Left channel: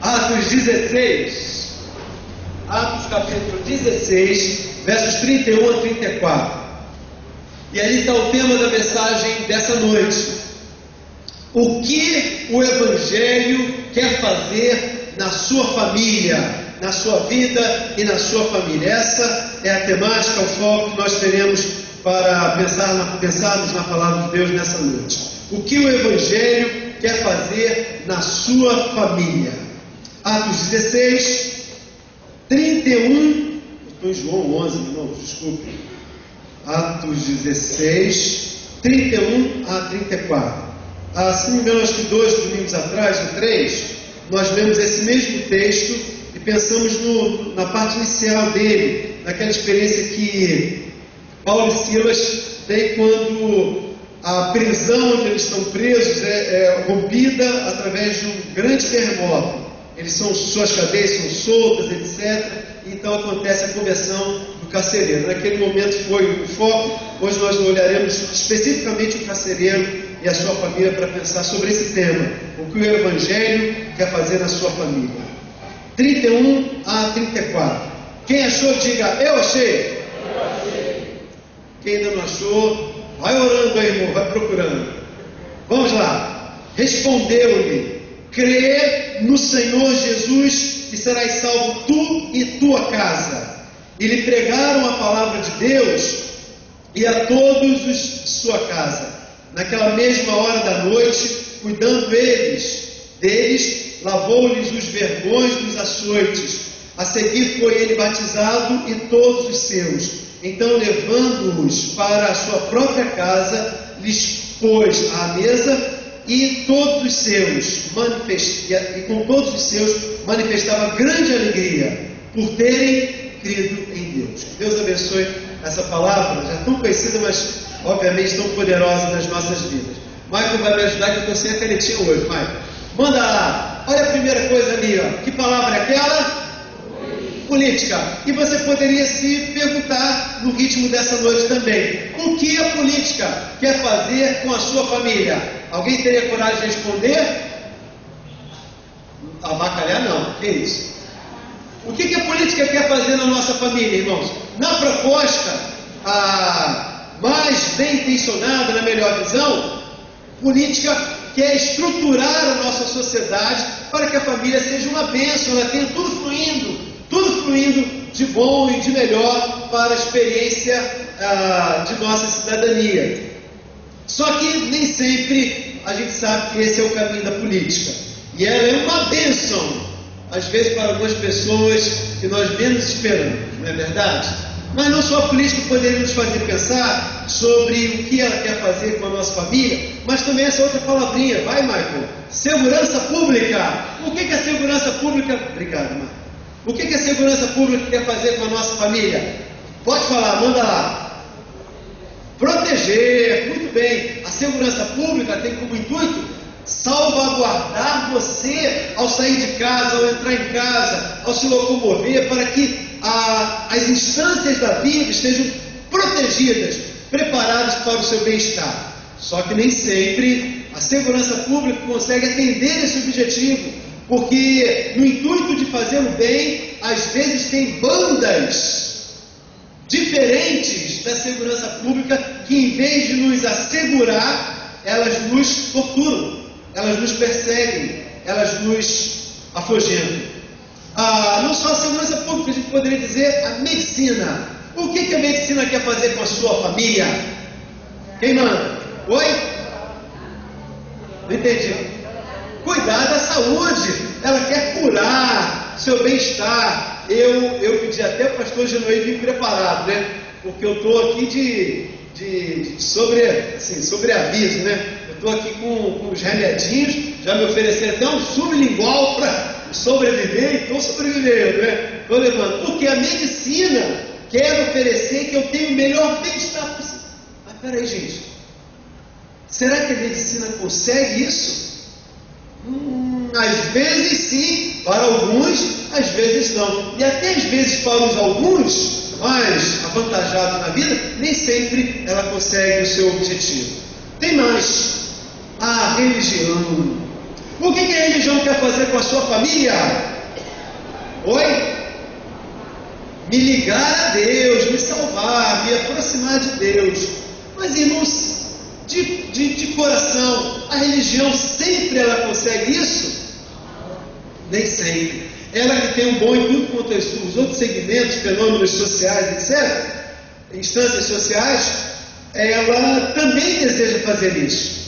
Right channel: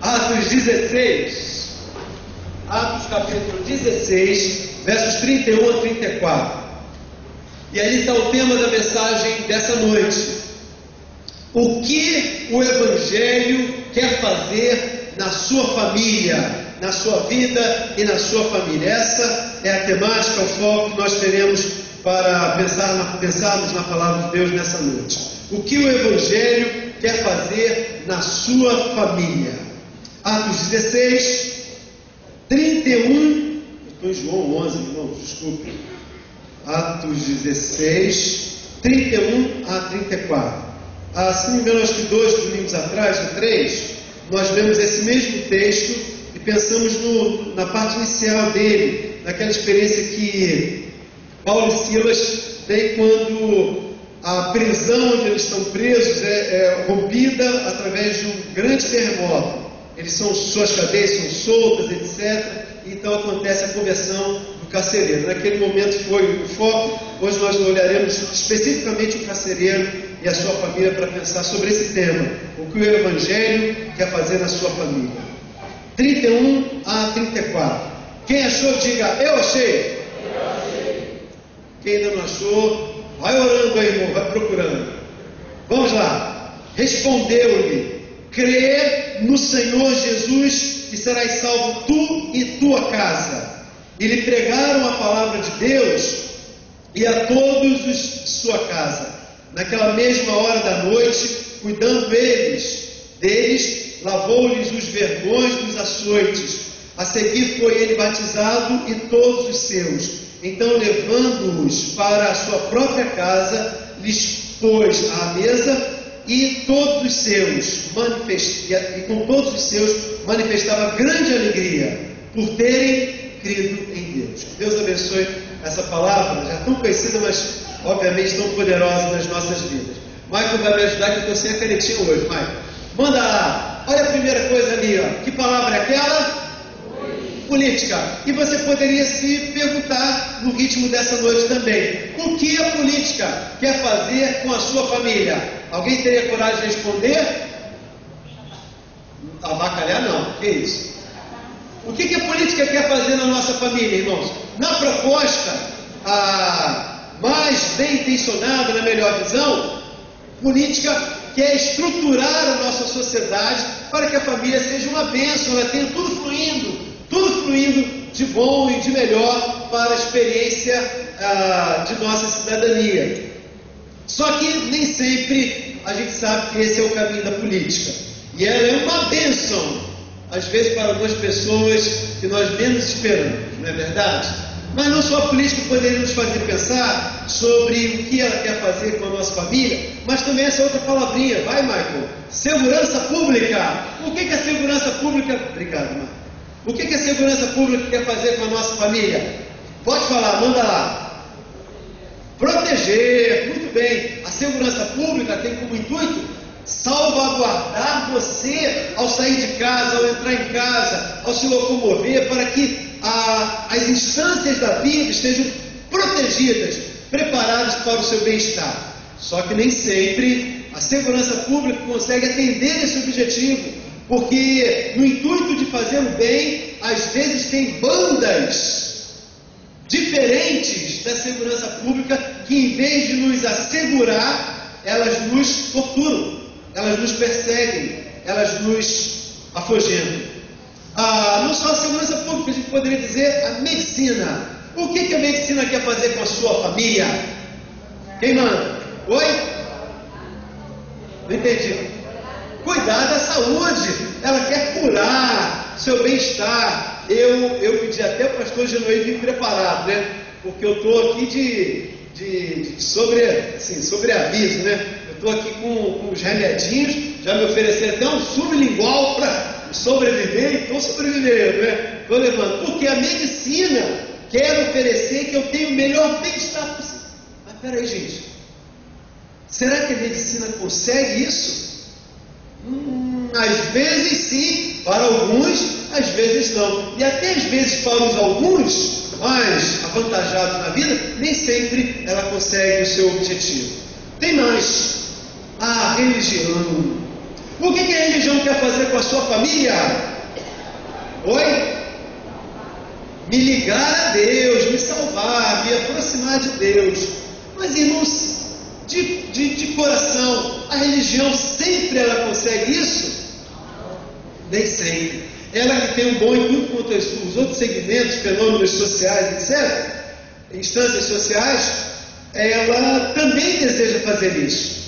Atos 16, Atos capítulo 16, versos 31 a 34. E aí está o tema da mensagem dessa noite. O que o Evangelho quer fazer na sua família, na sua vida e na sua família? Essa é a temática, o foco que nós teremos para pensarmos na palavra de Deus nessa noite. O que o Evangelho quer fazer na sua família? Atos 16, 31, estou em João 11, irmãos, desculpe. Atos 16, 31 a 34. Se não me engano, acho que 2 domingos atrás, ou 3, nós lemos esse mesmo texto e pensamos na parte inicial dele, naquela experiência que Paulo e Silas têm quando a prisão onde eles estão presos é rompida através de um grande terremoto. Suas cadeias são soltas, etc. Então acontece a conversão do carcereiro. Naquele momento foi o foco. Hoje nós olharemos especificamente o carcereiro e a sua família para pensar sobre esse tema. O que o Evangelho quer fazer na sua família. 31 a 34. Quem achou, diga, eu achei. Quem ainda não achou, vai orando aí, irmão, vai procurando. Vamos lá. Respondeu-lhe: crê no Senhor Jesus e serás salvo tu e tua casa. E lhe pregaram a palavra de Deus e a todos os de sua casa. Naquela mesma hora da noite, cuidando deles, lavou-lhes os vergões dos açoites. A seguir foi ele batizado e todos os seus. Então, levando-os para a sua própria casa, lhes pôs à mesa e com todos os seus manifestava grande alegria por terem crido em Deus. Que Deus abençoe essa palavra, já tão conhecida, mas obviamente tão poderosa nas nossas vidas. Michael vai me ajudar, que eu estou sem a canetinha hoje. Michael, manda lá, olha a primeira coisa ali, ó. Que palavra é aquela? Política. E você poderia se perguntar no ritmo dessa noite também: o que a política quer fazer com a sua família? Alguém teria coragem de responder? Avacalhar não, que isso? O que a política quer fazer na nossa família, irmãos? Na proposta mais bem intencionada, na melhor visão, política quer estruturar a nossa sociedade para que a família seja uma bênção, ela tenha tudo fluindo de bom e de melhor para a experiência de nossa cidadania. Só que nem sempre a gente sabe que esse é o caminho da política. E ela é uma bênção, às vezes para algumas pessoas que nós menos esperamos, não é verdade? Mas não só a política poderia nos fazer pensar sobre o que ela quer fazer com a nossa família, mas também essa outra palavrinha, vai, Michael, segurança pública. O que a segurança pública... Obrigado, Michael. O que a segurança pública quer fazer com a nossa família? Pode falar, manda lá. Proteger, muito bem. A segurança pública tem como intuito salvaguardar você ao sair de casa, ao entrar em casa, ao se locomover, para que as instâncias da vida estejam protegidas, preparadas para o seu bem-estar. Só que nem sempre a segurança pública consegue atender esse objetivo, porque no intuito de fazer o bem, às vezes tem bandas diferentes da segurança pública que, em vez de nos assegurar, elas nos torturam, elas nos perseguem, elas nos afugentam. Não só a segurança pública, a gente poderia dizer a medicina. O que a medicina quer fazer com a sua família? Quem manda? Oi? Não entendi. Cuidar da saúde, ela quer curar seu bem-estar. Eu pedi até para o pastor Genoí vir preparado, né? Porque eu estou aqui de sobreaviso, né? Eu estou aqui com os remedinhos, já me ofereceram até um sublingual para sobreviver e estou sobrevivendo, né? Estou levando, porque a medicina quer oferecer que eu tenha o melhor bem-estar possível. Mas peraí, gente, será que a medicina consegue isso? Às vezes sim, para alguns, às vezes não. E até às vezes para os alguns mais avantajados na vida, nem sempre ela consegue o seu objetivo. Tem mais, a religião. O que a religião quer fazer com a sua família? Oi? Me ligar a Deus, me salvar, me aproximar de Deus. Mas, irmãos, de coração, a religião sempre ela consegue isso? Nem sempre. Ela que tem um bom em tudo quanto os outros segmentos, fenômenos sociais, etc., instâncias sociais, ela também deseja fazer isso.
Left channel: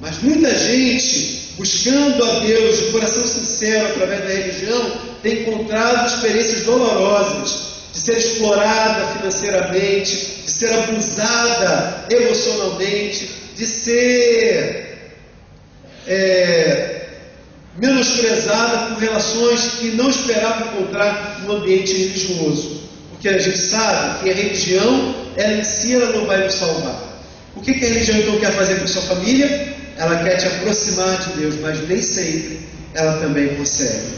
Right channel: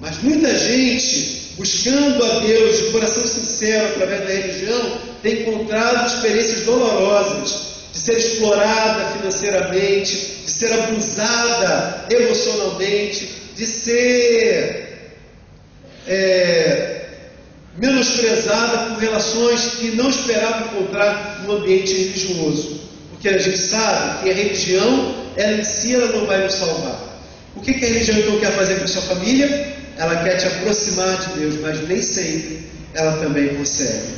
Mas muita gente, buscando a Deus de coração sincero através da religião, tem encontrado experiências dolorosas de ser explorada financeiramente, de ser abusada emocionalmente, de ser menosprezada por relações que não esperava encontrar no ambiente religioso. Porque a gente sabe que a religião, ela em si, ela não vai nos salvar. O que a religião então quer fazer com a sua família? Ela quer te aproximar de Deus, mas nem sempre ela também consegue.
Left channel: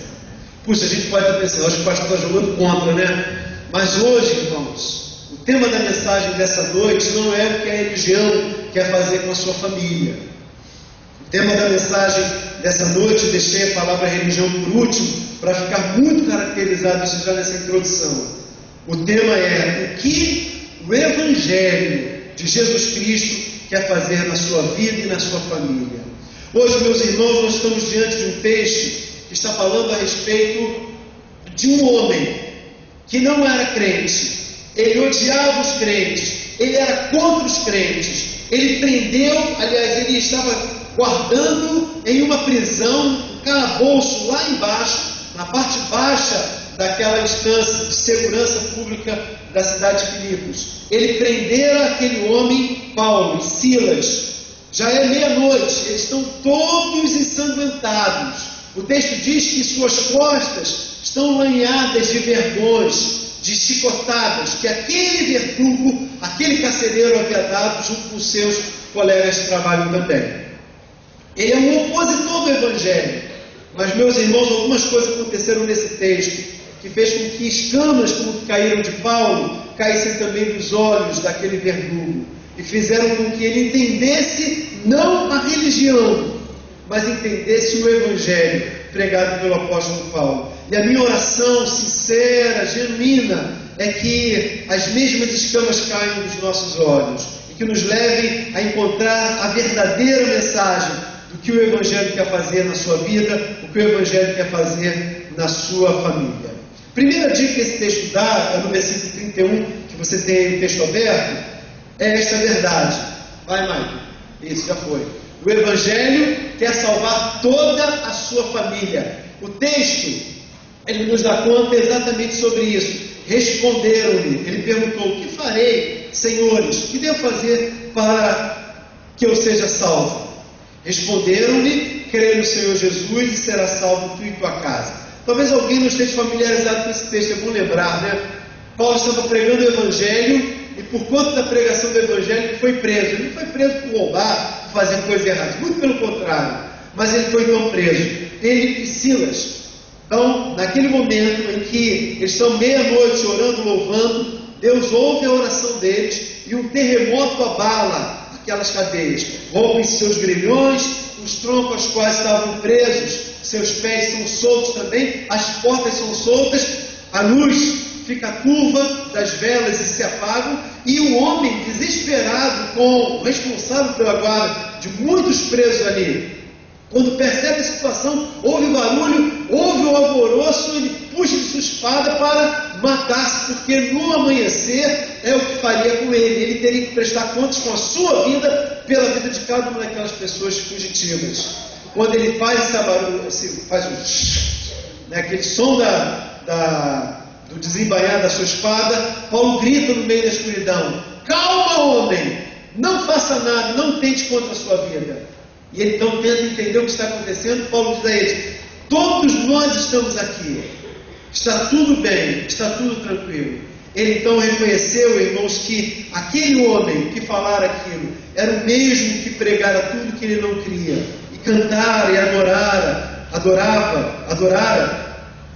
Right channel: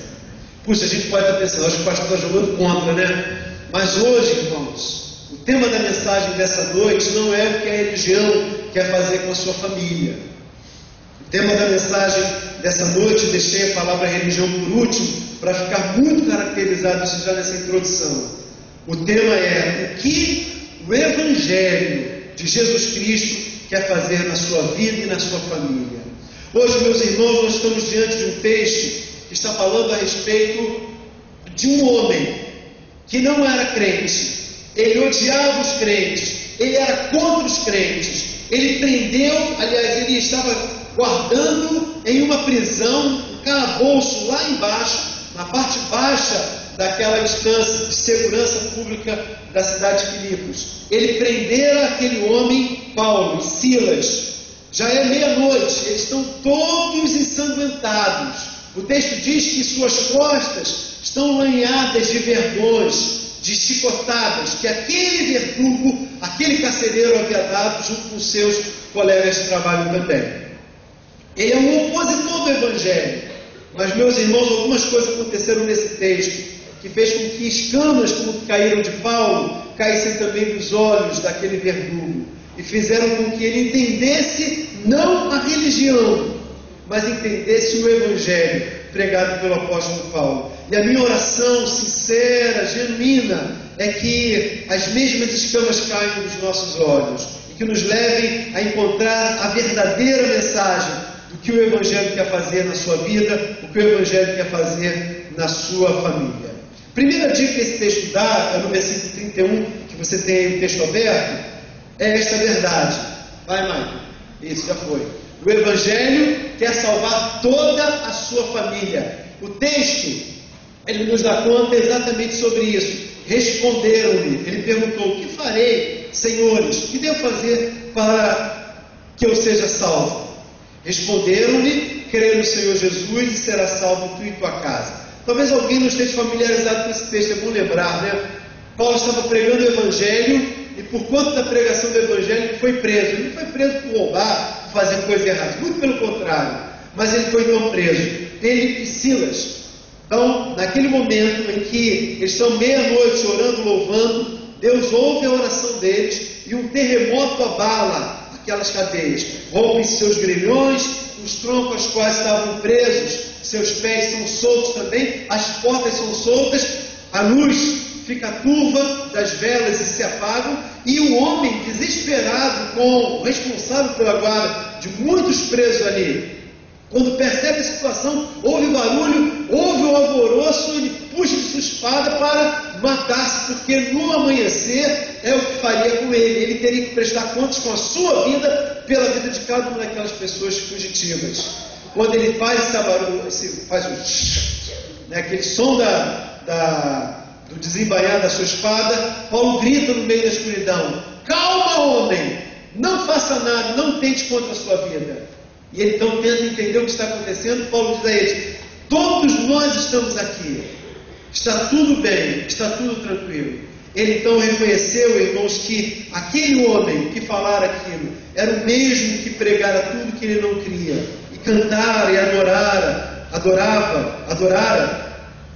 Puxa, a gente pode estar pensando, acho que o pastor está jogando contra, né? Mas hoje, irmãos, o tema da mensagem dessa noite não é o que a religião quer fazer com a sua família. O tema da mensagem dessa noite, deixei a palavra religião por último, para ficar muito caracterizado isso já nessa introdução. O tema é o que o Evangelho de Jesus Cristo quer fazer na sua vida e na sua família. Hoje, meus irmãos, nós estamos diante de um texto que está falando a respeito de um homem que não era crente, ele odiava os crentes, ele era contra os crentes, ele prendeu, aliás, ele estava guardando em uma prisão, um calabouço lá embaixo, na parte baixa daquela instância de segurança pública da cidade de Filipos. Ele prendera aquele homem, Paulo e Silas. Já é meia-noite, eles estão todos ensanguentados. O texto diz que suas costas estão lanhadas de verdões, de chicotadas, que aquele verdugo, aquele carcereiro havia dado junto com seus colegas de trabalho também. Ele é um opositor do Evangelho. Mas, meus irmãos, algumas coisas aconteceram nesse texto, que fez com que escamas como que caíram de Paulo, caíssem também dos olhos daquele verdugo, e fizeram com que ele entendesse não a religião, mas entendesse o Evangelho pregado pelo apóstolo Paulo. E a minha oração sincera, genuína, é que as mesmas escamas caiam dos nossos olhos e que nos levem a encontrar a verdadeira mensagem do que o Evangelho quer fazer na sua vida, o que o Evangelho quer fazer na sua família. Primeira dica que esse texto dá, é no versículo 31, que você tem aí o texto aberto, é esta verdade. Vai, Maicon. Isso, já foi. O Evangelho quer salvar toda a sua família. O texto, ele nos dá conta exatamente sobre isso. Responderam-lhe, ele perguntou: o que farei, senhores? O que devo fazer para que eu seja salvo? Responderam-lhe: crê no Senhor Jesus e será salvo tu e tua casa. Talvez alguém não esteja familiarizado com esse texto, é bom lembrar, né? Paulo estava pregando o Evangelho e por conta da pregação do Evangelho ele foi preso. Ele não foi preso por roubar, por fazer coisa errada, muito pelo contrário, mas ele foi então preso. Ele e Silas. Então, naquele momento em que eles estão meia-noite orando, louvando, Deus ouve a oração deles e um terremoto abala aquelas cadeias, rompem seus grilhões, os troncos aos quais estavam presos, seus pés são soltos também, as portas são soltas, a luz fica turva das velas e se apagam, e o homem desesperado, com o responsável pela guarda de muitos presos ali, quando percebe a situação, ouve o barulho, ouve o alvoroço, ele puxa de sua espada para matar-se, porque no amanhecer é o que faria com ele. Ele teria que prestar contas com a sua vida pela vida de cada uma daquelas pessoas fugitivas. Quando ele faz esse barulho, aquele som do desembainhar da sua espada, Paulo grita no meio da escuridão: calma, homem, não faça nada, não tente contra a sua vida. E ele então tenta entender o que está acontecendo. Paulo diz a eles: todos nós estamos aqui, está tudo bem, está tudo tranquilo. Ele então reconheceu, irmãos, que aquele homem que falara aquilo era o mesmo que pregara tudo que ele não queria, e cantara e adorara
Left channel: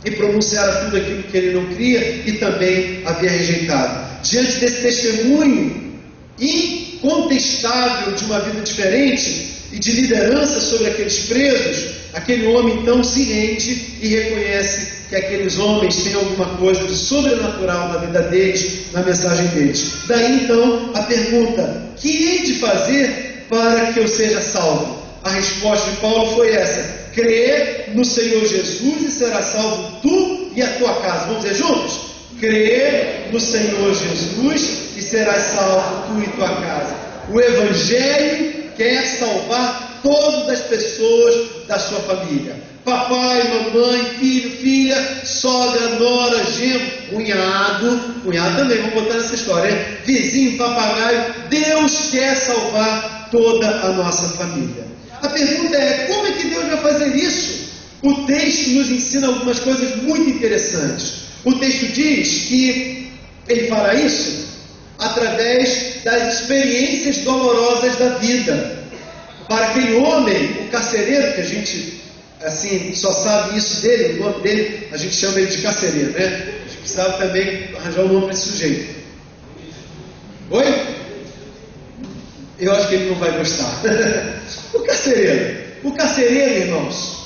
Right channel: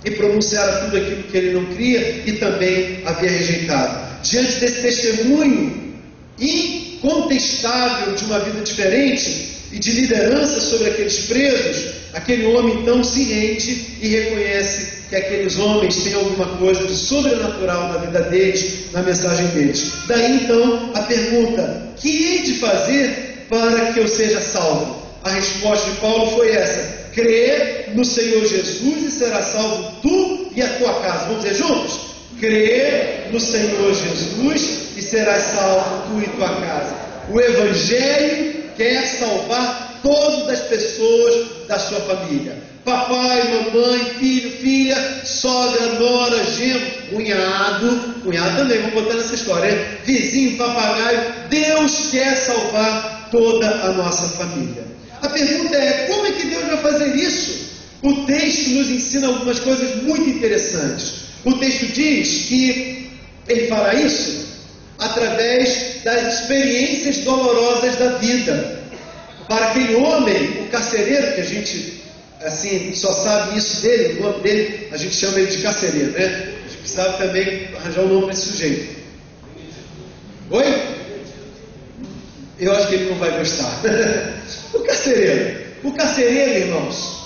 e pronunciara tudo aquilo que ele não queria e também havia rejeitado. Diante desse testemunho incontestável de uma vida diferente, e de liderança sobre aqueles presos, aquele homem então se rende e reconhece que aqueles homens têm alguma coisa de sobrenatural na vida deles, na mensagem deles. Daí então a pergunta: que hei de fazer para que eu seja salvo? A resposta de Paulo foi essa: crer no Senhor Jesus e serás salvo tu e a tua casa. Vamos dizer juntos? Crer no Senhor Jesus e serás salvo tu e tua casa. O Evangelho quer salvar todas as pessoas da sua família. Papai, mamãe, filho, filha, sogra, nora, genro, cunhado também, vamos botar nessa história, hein? Vizinho, papagaio. Deus quer salvar toda a nossa família. A pergunta é: como é que Deus vai fazer isso? O texto nos ensina algumas coisas muito interessantes. O texto diz que Ele fará isso através das experiências dolorosas da vida. Para aquele homem, o carcereiro, que a gente assim só sabe isso dele, o nome dele, a gente chama ele de carcereiro, né? A gente precisava também arranjar um nome para esse sujeito. Oi? Eu acho que ele não vai gostar. O carcereiro, irmãos,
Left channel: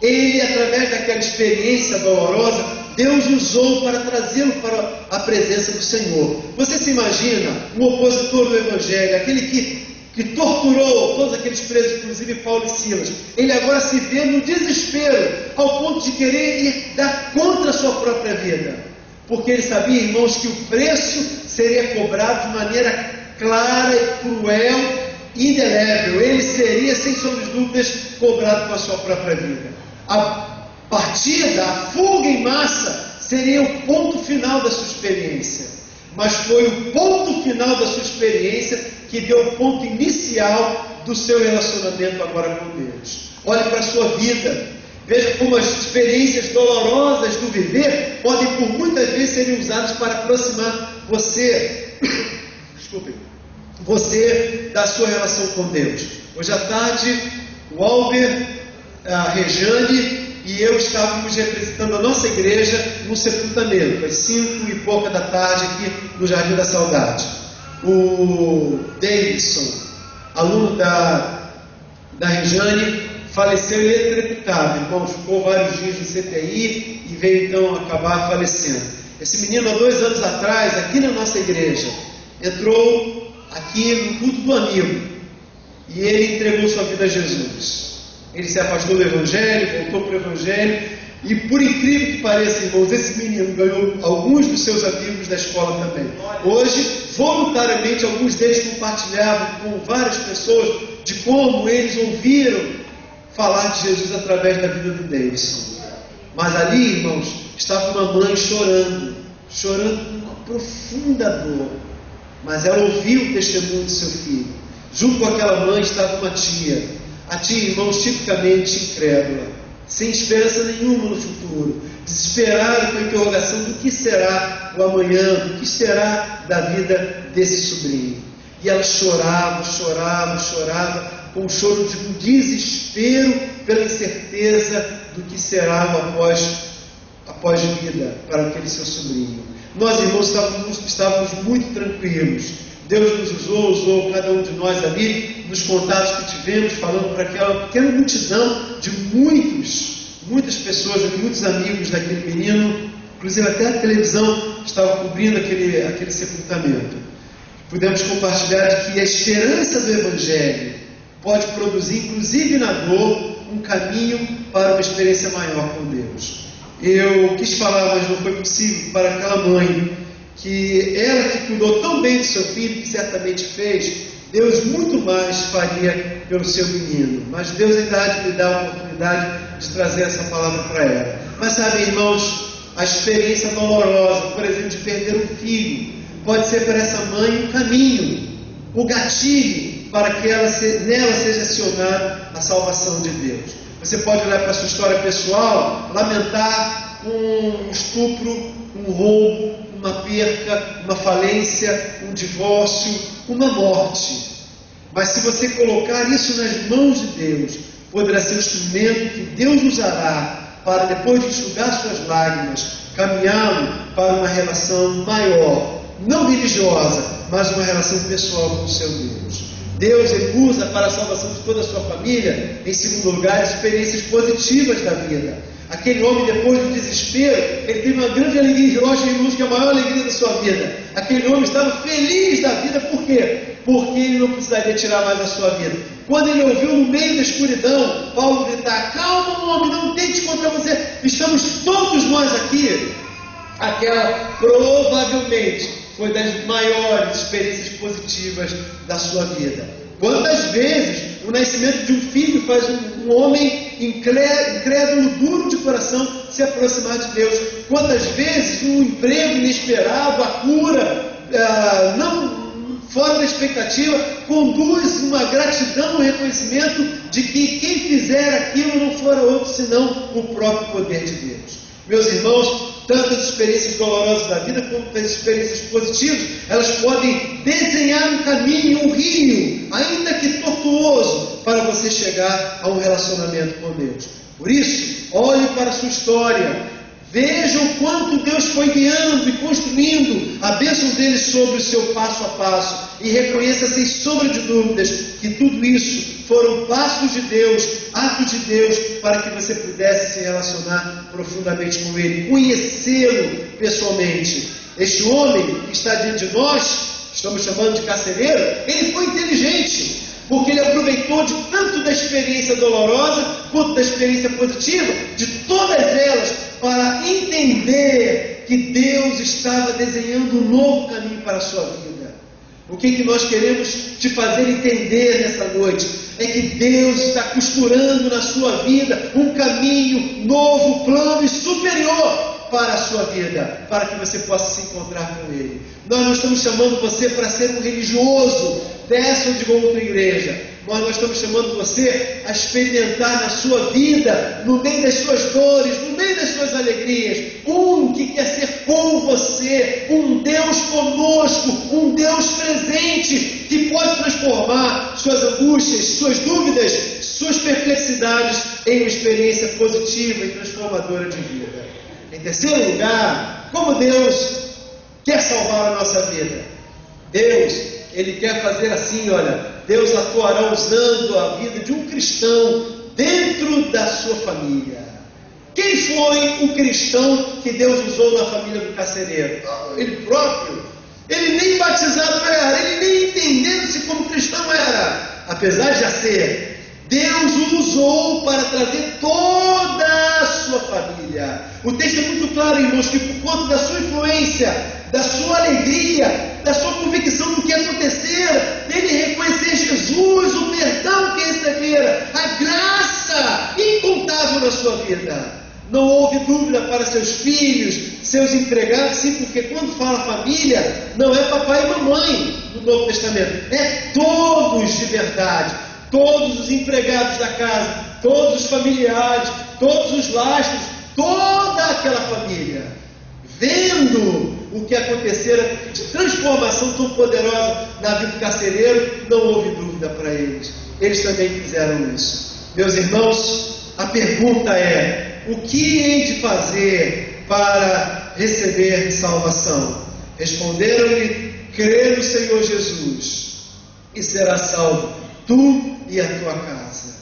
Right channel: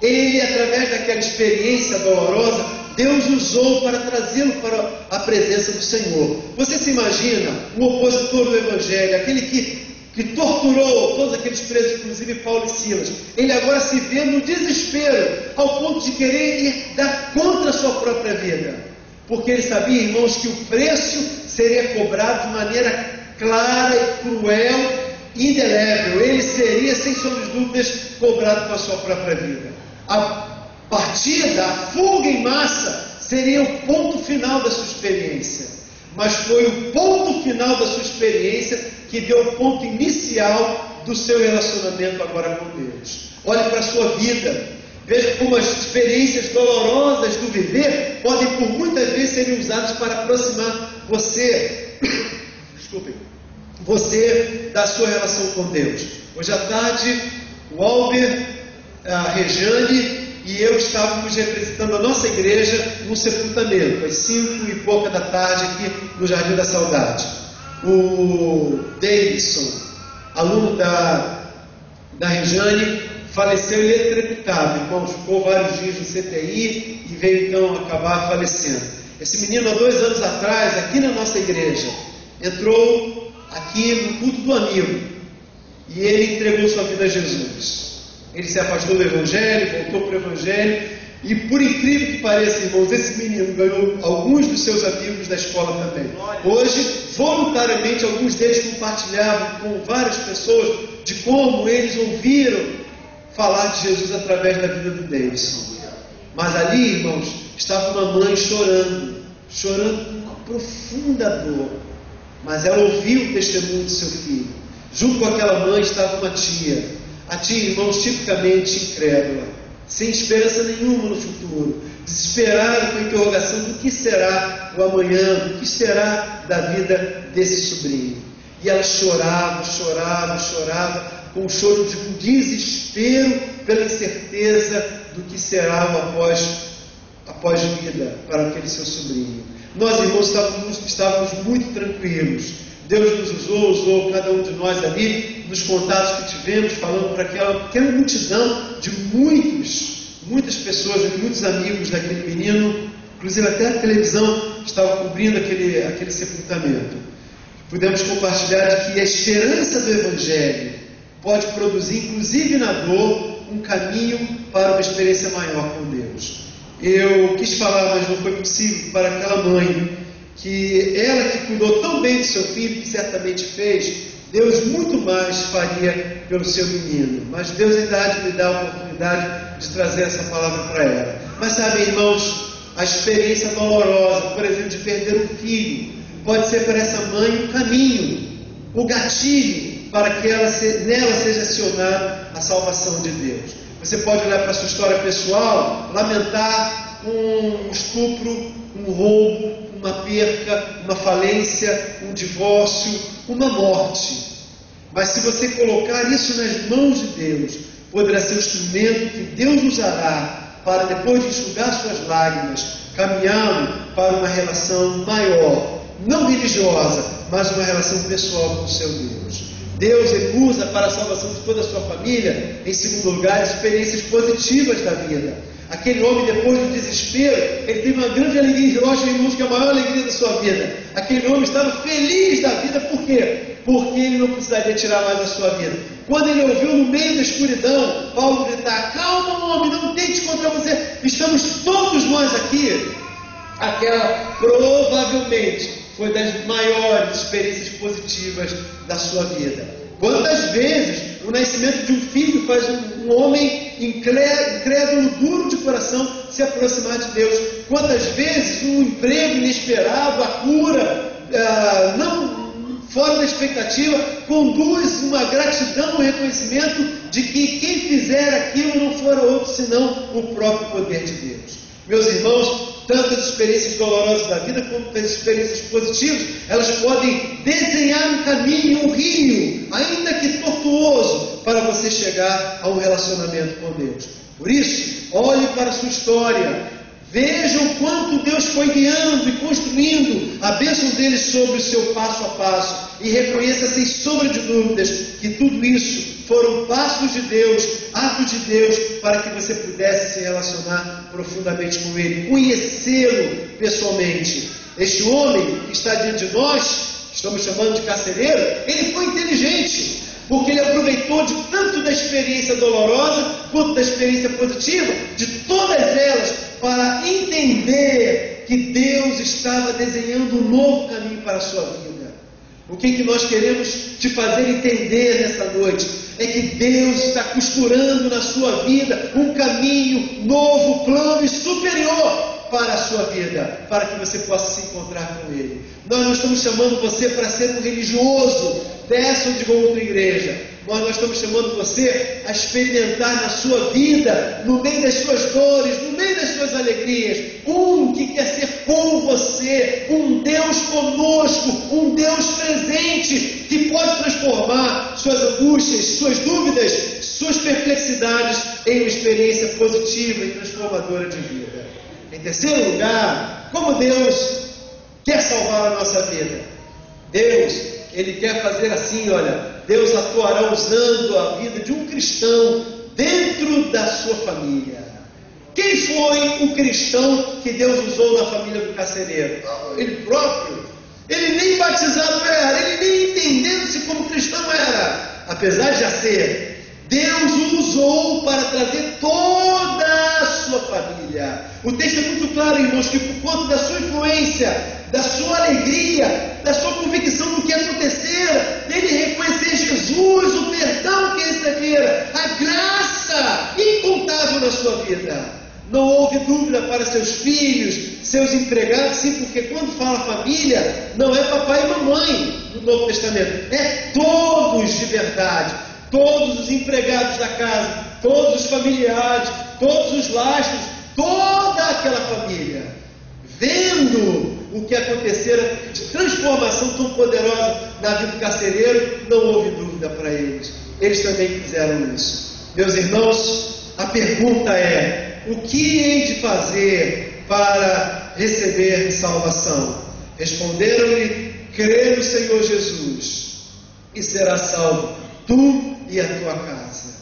ele, através daquela experiência dolorosa, Deus usou para trazê-lo para a presença do Senhor. Você se imagina um opositor do Evangelho, aquele que torturou todos aqueles presos, inclusive Paulo e Silas. Ele agora se vê no desespero, ao ponto de querer ir dar contra a sua própria vida. Porque ele sabia, irmãos, que o preço seria cobrado de maneira clara e cruel, indelével. Ele seria, sem sombra de dúvidas, cobrado com a sua própria vida. A partida, a fuga em massa, seria o ponto final da sua experiência. Mas foi o ponto final da sua experiência que deu o ponto inicial do seu relacionamento agora com Deus. Olhe para a sua vida. Veja como as experiências dolorosas do viver podem por muitas vezes serem usadas para aproximar você, você da sua relação com Deus. Hoje à tarde, o Albert, a Rejane e eu estávamos representando a nossa igreja num sepultamento, às 5 e pouca da tarde, aqui no Jardim da Saudade. O Davidson, aluno da Rejane, faleceu eletrocutado, irmão, ficou vários dias no CTI e veio então acabar falecendo. Esse menino, há 2 anos atrás, aqui na nossa igreja, entrou aqui no culto do amigo e ele entregou sua vida a Jesus. Ele se afastou do Evangelho, voltou para o Evangelho e, por incrível que pareça, irmãos, esse menino ganhou alguns dos seus amigos da escola também. Hoje, voluntariamente, alguns deles compartilhavam com várias pessoas de como eles ouviram falar de Jesus através da vida do Davidson. Mas ali, irmãos, estava uma mãe chorando com uma profunda dor. Mas ela ouviu o testemunho do seu filho. Junto com aquela mãe estava uma tia. A tia, irmãos, tipicamente incrédula, sem esperança nenhuma no futuro, desesperada com a interrogação do que será o amanhã, do que será da vida desse sobrinho. E ela chorava, com um choro de um desespero pela incerteza do que será o após vida para aquele seu sobrinho. Nós, irmãos, estávamos muito tranquilos. Deus nos usou cada um de nós ali, nos contatos que tivemos, falando para aquela pequena multidão de muitas pessoas, muitos amigos daquele menino, inclusive até a televisão estava cobrindo aquele sepultamento. Pudemos compartilhar de que a esperança do Evangelho pode produzir, inclusive na dor, um caminho para uma experiência maior com Deus. Eu quis falar, mas não foi possível, para aquela mãe, que ela que cuidou tão bem do seu filho, que certamente fez, Deus muito mais faria pelo seu menino. Mas Deus ainda há de lhe dar a oportunidade de trazer essa palavra para ela. Mas sabem, irmãos, a experiência dolorosa, por exemplo, de perder um filho, pode ser para essa mãe um caminho, o gatilho para que nela seja acionada a salvação de Deus. Você pode olhar para a sua história pessoal, lamentar um estupro, um roubo, uma perca, uma falência, um divórcio, uma morte. Mas se você colocar isso nas mãos de Deus, poderá ser o instrumento que Deus usará para, depois de enxugar suas lágrimas, caminhá-lo para uma relação maior, não religiosa, mas uma relação pessoal com o seu Deus. Deus ele usa para a salvação de toda a sua família, em segundo lugar, experiências positivas da vida. Aquele homem, depois do desespero, ele teve uma grande alegria. Eu acho, irmãos, que é a maior alegria da sua vida. Aquele homem estava feliz da vida. Por quê? Porque ele não precisaria tirar mais a sua vida. Quando ele ouviu no meio da escuridão Paulo gritar: calma, homem, não tente contra você, estamos todos nós aqui. Aquela provavelmente foi das maiores experiências positivas da sua vida. Quantas vezes o nascimento de um filho faz um homem incrédulo, duro de coração, se aproximar de Deus? Quantas vezes um emprego inesperado, a cura, não fora da expectativa, conduz uma gratidão, um reconhecimento de que quem fizer aquilo não fora outro senão o próprio poder de Deus. Meus irmãos, tanto as experiências dolorosas da vida como as experiências positivas, elas podem desenhar um caminho, um rio, ainda que tortuoso, para você chegar a um relacionamento com Deus. Por isso, olhe para a sua história, veja o quanto Deus foi guiando e construindo a bênção dele sobre o seu passo a passo, e reconheça sem sombra de dúvidas que tudo isso foram passos de Deus, atos de Deus, para que você pudesse se relacionar profundamente com Ele, conhecê-lo pessoalmente. Este homem que está diante de nós, estamos chamando de carcereiro, ele foi inteligente, porque ele aproveitou de tanto da experiência dolorosa, quanto da experiência positiva, de todas elas, para entender que Deus estava desenhando um novo caminho para a sua vida. O que nós queremos te fazer entender nessa noite é que Deus está costurando na sua vida um caminho novo, plano e superior para a sua vida, para que você possa se encontrar com Ele. Nós não estamos chamando você para ser um religioso dessa ou de outra igreja, mas nós estamos chamando você a experimentar na sua vida, no meio das suas dores, no meio das suas alegrias, um que quer ser com você, um Deus conosco, um Deus presente, que pode transformar suas angústias, suas dúvidas, suas perplexidades em uma experiência positiva e transformadora de vida. Em terceiro lugar, como Deus quer salvar a nossa vida? Deus, Ele quer fazer assim, olha, Deus atuará usando a vida de um cristão dentro da sua família. Quem foi o cristão que Deus usou na família do carcereiro? Ele próprio. Ele nem batizado era, ele nem entendendo-se como cristão era, apesar de já ser. Deus o usou para trazer toda a sua família. O texto é muito claro, irmãos, que por conta da sua influência, da sua alegria, da sua convicção do que acontecera, dele reconhecer Jesus, o perdão que recebera, a graça incontável na sua vida. Não houve dúvida para seus filhos, seus empregados, sim, porque quando fala família, não é papai e mamãe no Novo Testamento, é todos de verdade. Todos os empregados da casa, todos os familiares, todos os lastros, toda aquela família, vendo o que acontecera de transformação tão poderosa na vida do carcereiro, não houve dúvida para eles. Eles também fizeram isso. Meus irmãos, a pergunta é: o que hei de fazer para receber salvação? Responderam-lhe: crê no Senhor Jesus e será salvo, tu e a tua casa.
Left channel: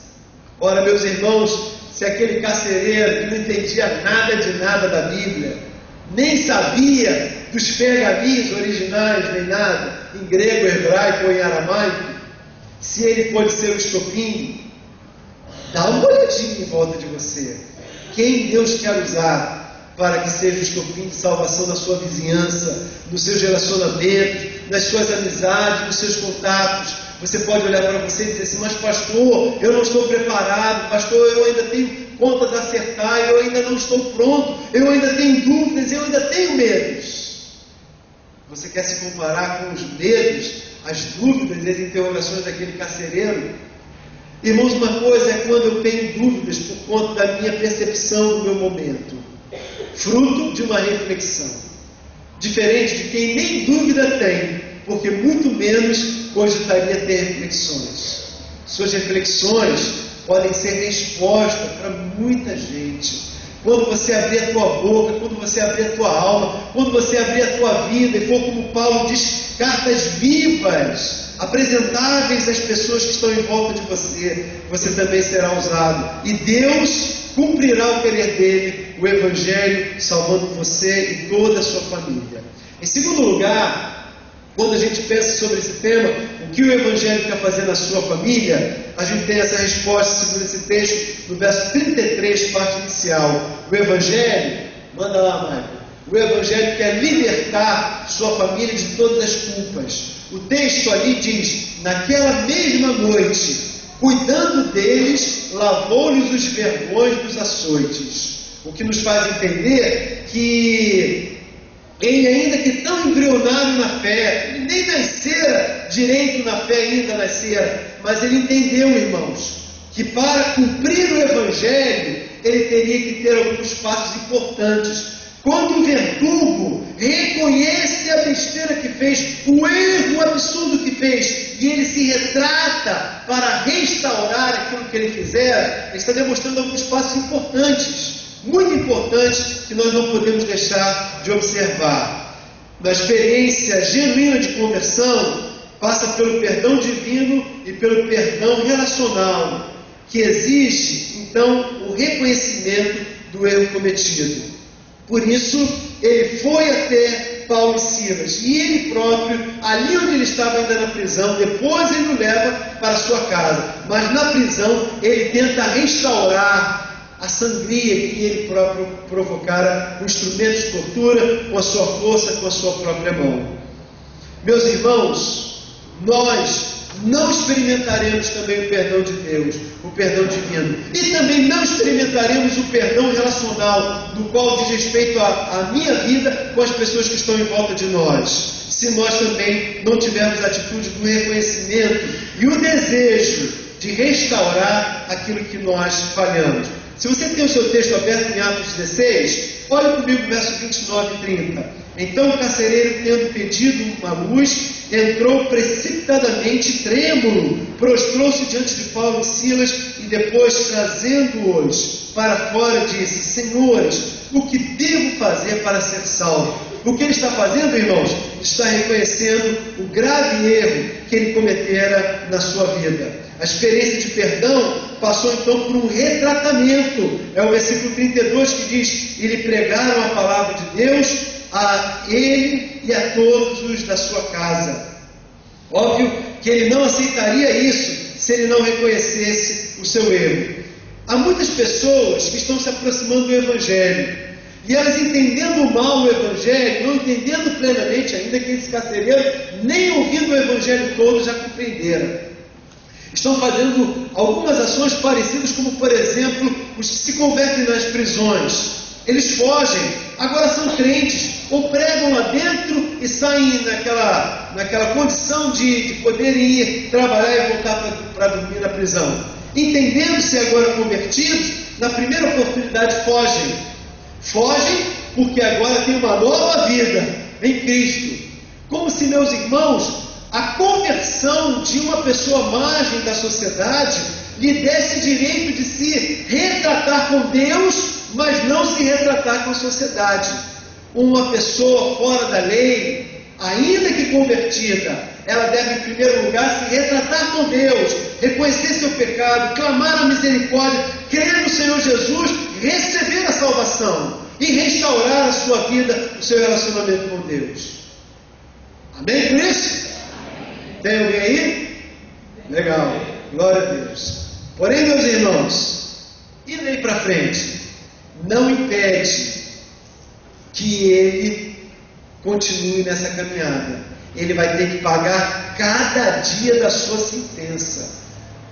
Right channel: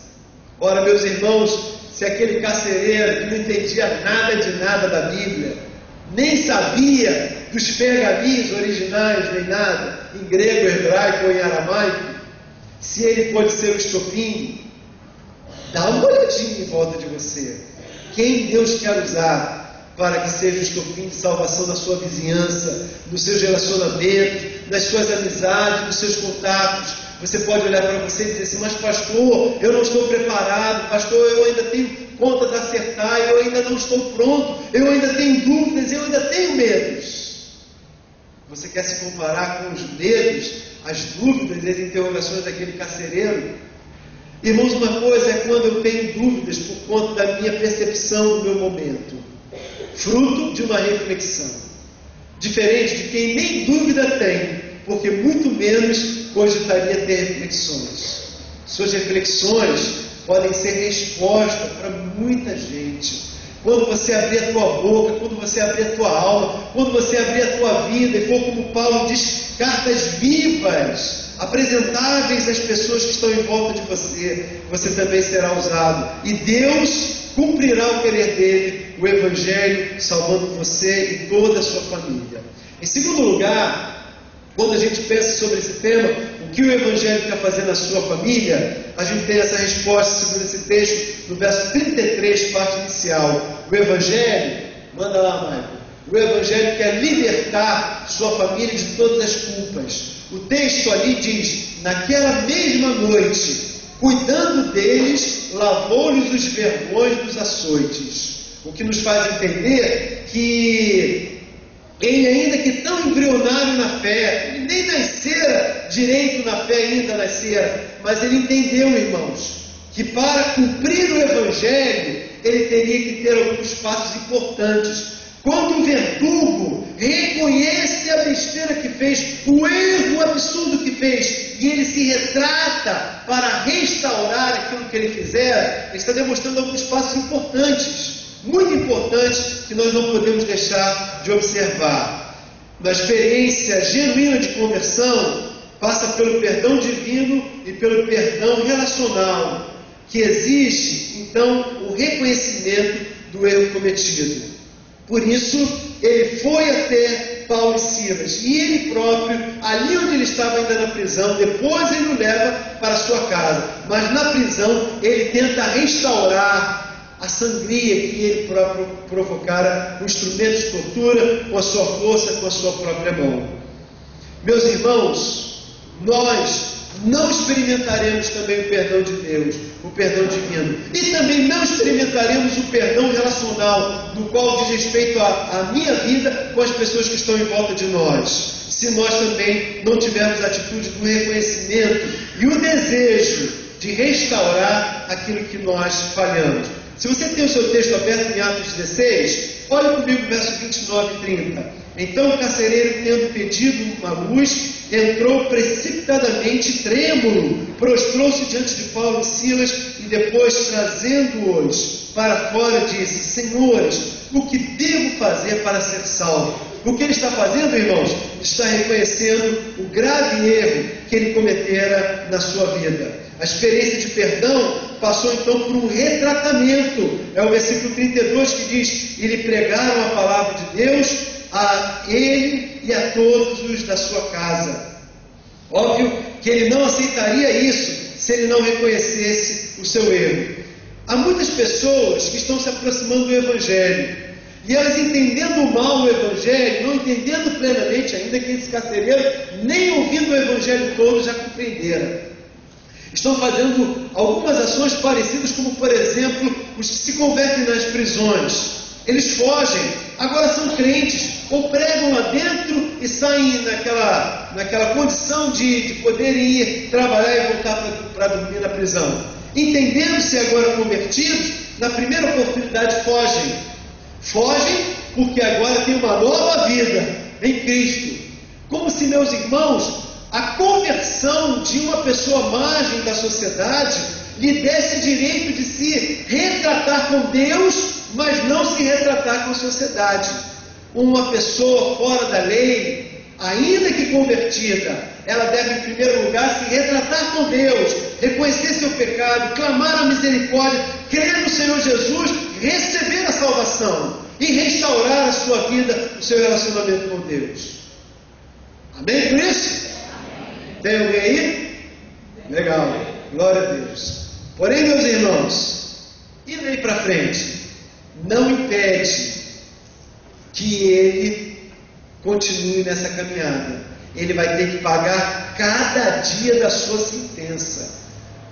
Ora, meus irmãos, se aquele carcereiro que não entendia nada de nada da Bíblia, nem sabia dos pergaminhos originais, nem nada, em grego, hebraico ou em aramaico, se ele pode ser o estopim, dá uma olhadinha em volta de você. Quem Deus quer usar para que seja o estopim de salvação na sua vizinhança, nos seus relacionamentos, nas suas amizades, nos seus contatos. Você pode olhar para você e dizer assim: mas pastor, eu não estou preparado, pastor, eu ainda tenho contas a acertar, eu ainda não estou pronto, eu ainda tenho dúvidas, eu ainda tenho medos. Você quer se comparar com os medos, as dúvidas e as interrogações daquele carcereiro? Irmãos, uma coisa é quando eu tenho dúvidas por conta da minha percepção do meu momento, fruto de uma reflexão, diferente de quem nem dúvida tem, porque muito menos cogitaria ter reflexões. Suas reflexões podem ser resposta para muita gente. Quando você abrir a tua boca, quando você abrir a tua alma, quando você abrir a tua vida e for, como Paulo diz, cartas vivas apresentáveis às pessoas que estão em volta de você, você também será usado. E Deus cumprirá o querer dele, o Evangelho, salvando você e toda a sua família. Em segundo lugar, quando a gente pensa sobre esse tema, o que o Evangelho quer fazer na sua família, a gente tem essa resposta segundo esse texto, no verso 33, parte inicial. O Evangelho, manda lá, Michael, o Evangelho quer libertar sua família de todas as culpas. O texto ali diz, naquela mesma noite, cuidando deles, lavou-lhes os vergões dos açoites. O que nos faz entender que ele, ainda que tão embrionário na fé, ele nem nascera direito na fé, ainda nascera, mas ele entendeu, irmãos, que para cumprir o Evangelho, ele teria que ter alguns passos importantes. Quando o verdugo reconhece a besteira que fez, o erro absurdo que fez, e ele se retrata para restaurar aquilo que ele fizera, ele está demonstrando alguns passos importantes, muito importantes, que nós não podemos deixar de observar. Na experiência genuína de conversão, passa pelo perdão divino e pelo perdão relacional, que exige, então, o reconhecimento do erro cometido. Por isso, ele foi até Paulo e Silas, e ele próprio, ali onde ele estava ainda na prisão, depois ele o leva para a sua casa, mas na prisão ele tenta restaurar a sangria que ele próprio provocara com instrumentos de tortura, com a sua força, com a sua própria mão. Meus irmãos, nós não experimentaremos também o perdão de Deus, o perdão divino, e também não experimentaremos o perdão relacional, do qual diz respeito à minha vida com as pessoas que estão em volta de nós, se nós também não tivermos a atitude do reconhecimento e o desejo de restaurar aquilo que nós falhamos. Se você tem o seu texto aberto em Atos 16, olhe comigo verso 29 e 30. Então o carcereiro, tendo pedido uma luz, entrou precipitadamente trêmulo, prostrou-se diante de Paulo e Silas, e depois, trazendo-os para fora, disse: Senhores, o que devo fazer para ser salvo? O que ele está fazendo, irmãos? Está reconhecendo o grave erro que ele cometera na sua vida. A experiência de perdão passou então por um retratamento. É o versículo 32 que diz: e lhe pregaram a palavra de Deus a ele e a todos os da sua casa. Óbvio que ele não aceitaria isso se ele não reconhecesse o seu erro. Há muitas pessoas que estão se aproximando do Evangelho, e elas, entendendo mal o Evangelho, não entendendo plenamente ainda, que esse carcereiro, nem ouvindo o Evangelho todo, já compreenderam. Estão fazendo algumas ações parecidas, como por exemplo, os que se convertem nas prisões. Eles fogem, agora são crentes, ou pregam lá dentro e saem naquela condição de poderem ir trabalhar e voltar para dormir na prisão. Entendendo-se agora convertidos, na primeira oportunidade fogem. Fogem porque agora tem uma nova vida em Cristo. Como se, meus irmãos, a conversão de uma pessoa à margem da sociedade lhe desse direito de se retratar com Deus, mas não se retratar com a sociedade. Uma pessoa fora da lei, ainda que convertida, ela deve em primeiro lugar se retratar com Deus, reconhecer seu pecado, clamar a misericórdia, crer no Senhor Jesus, receber a salvação e restaurar a sua vida, o seu relacionamento com Deus. Amém por isso? Tem alguém aí? Legal, glória a Deus. Porém, meus irmãos, indo aí para frente, não impede que ele continue nessa caminhada. Ele vai ter que pagar cada dia da sua sentença.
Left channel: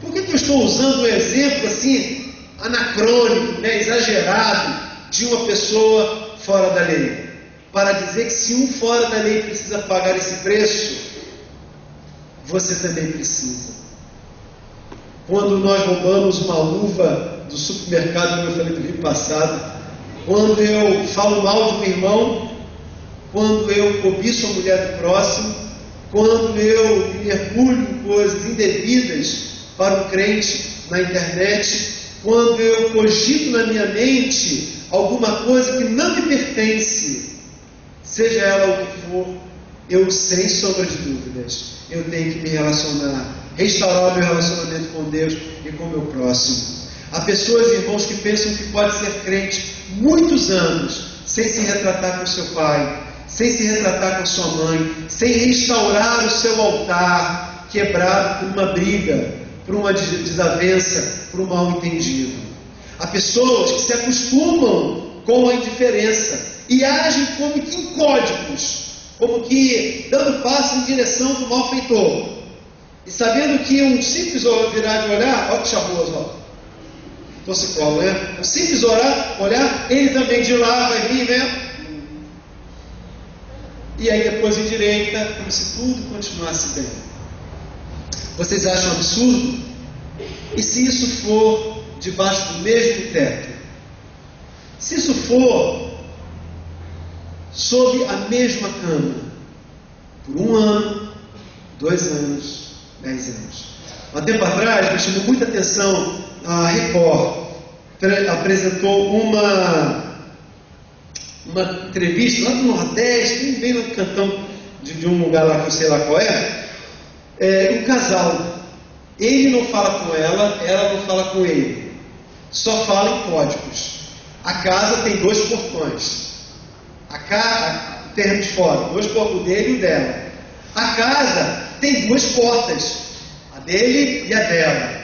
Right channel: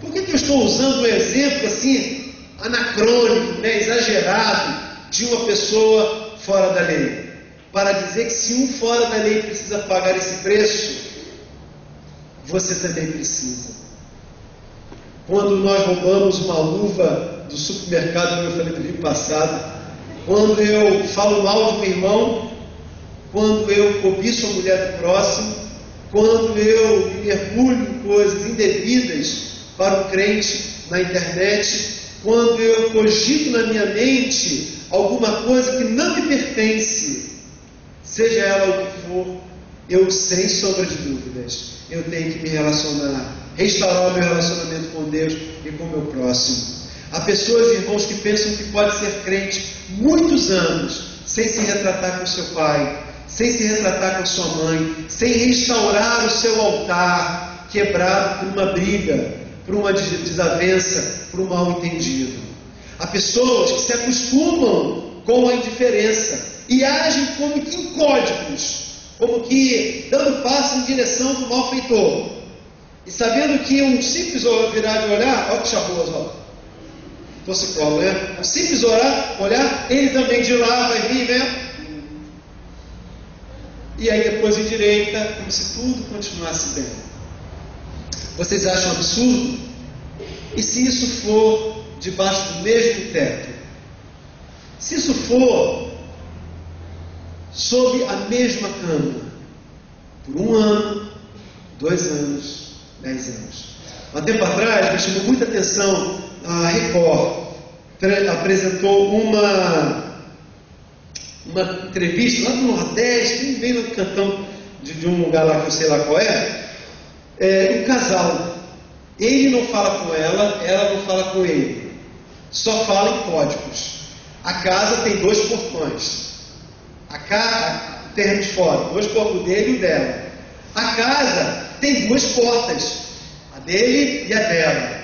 Por que eu estou usando um exemplo assim, anacrônico, exagerado, de uma pessoa fora da lei? Para dizer que se um fora da lei precisa pagar esse preço, você também precisa. Quando nós roubamos uma uva do supermercado, como eu falei no vídeo passado, quando eu falo mal de um irmão, quando eu cobiço a mulher do próximo, quando eu me mergulho em coisas indevidas para o crente na internet, quando eu cogito na minha mente alguma coisa que não me pertence, seja ela o que for, eu, sem sombra de dúvidas, eu tenho que me relacionar, restaurar o meu relacionamento com Deus e com o meu próximo. Há pessoas, irmãos, que pensam que pode ser crente muitos anos, sem se retratar com seu pai, sem se retratar com sua mãe, sem restaurar o seu altar, quebrado por uma briga, por uma desavença, por um mal-entendido. Há pessoas que se acostumam com a indiferença e agem como que em códigos, como que dando passo em direção do malfeitor, e sabendo que um simples virar de olhar, olha que charmoso, ó, torcicolo, né? Um simples olhar, ele também de lá vai vir, né? E aí depois em direita, como se tudo continuasse bem. Vocês acham absurdo? E se isso for debaixo do mesmo teto? Se isso for sob a mesma cama, por 1 ano, 2 anos, 10 anos. Há um tempo atrás, me chamou muita atenção, a Record apresentou uma entrevista lá do Nordeste, vem no cantão de um lugar lá que eu sei lá qual um casal. Ele não fala com ela não fala com ele, só fala em códigos. A casa tem 2 portões, o terreno de fora, 2 portões, o dele e o dela. A casa tem 2 portas, a dele e a dela.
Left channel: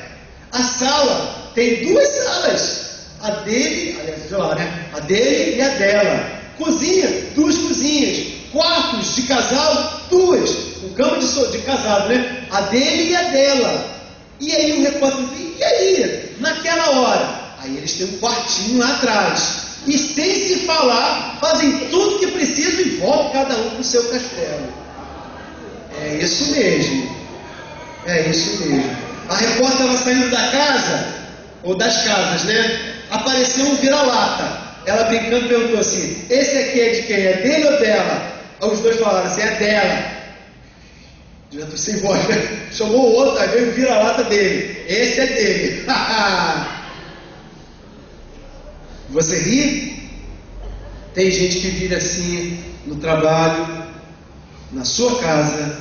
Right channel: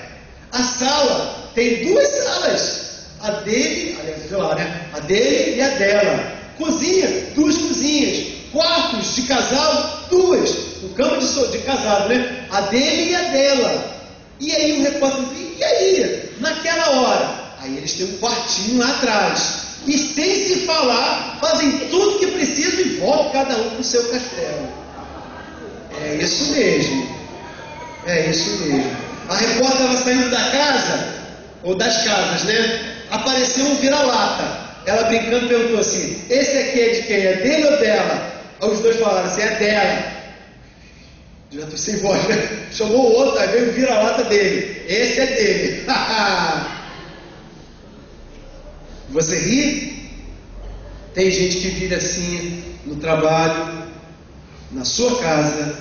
A sala tem 2 salas, a dele, aliás, lá, né? A dele e a dela. Cozinha, 2 cozinhas. Quartos de casal, 2. Com cama de casado, né? A dele e a dela. E aí o repórter diz, e aí? Naquela hora? Aí eles têm um quartinho lá atrás. E sem se falar, fazem tudo que precisam e voltam cada um para o seu castelo. É isso mesmo. É isso mesmo. A repórter estava saindo da casa, ou das casas, né? Apareceu um vira-lata. Ela brincando perguntou assim, esse aqui é de quem? É dele ou dela? Aí os 2 falaram assim, é dela. Já estou sem voz, né? Chamou o outro, aí veio o vira-lata dele. Esse é dele. Você ri? Tem gente que vive assim no trabalho, na sua casa,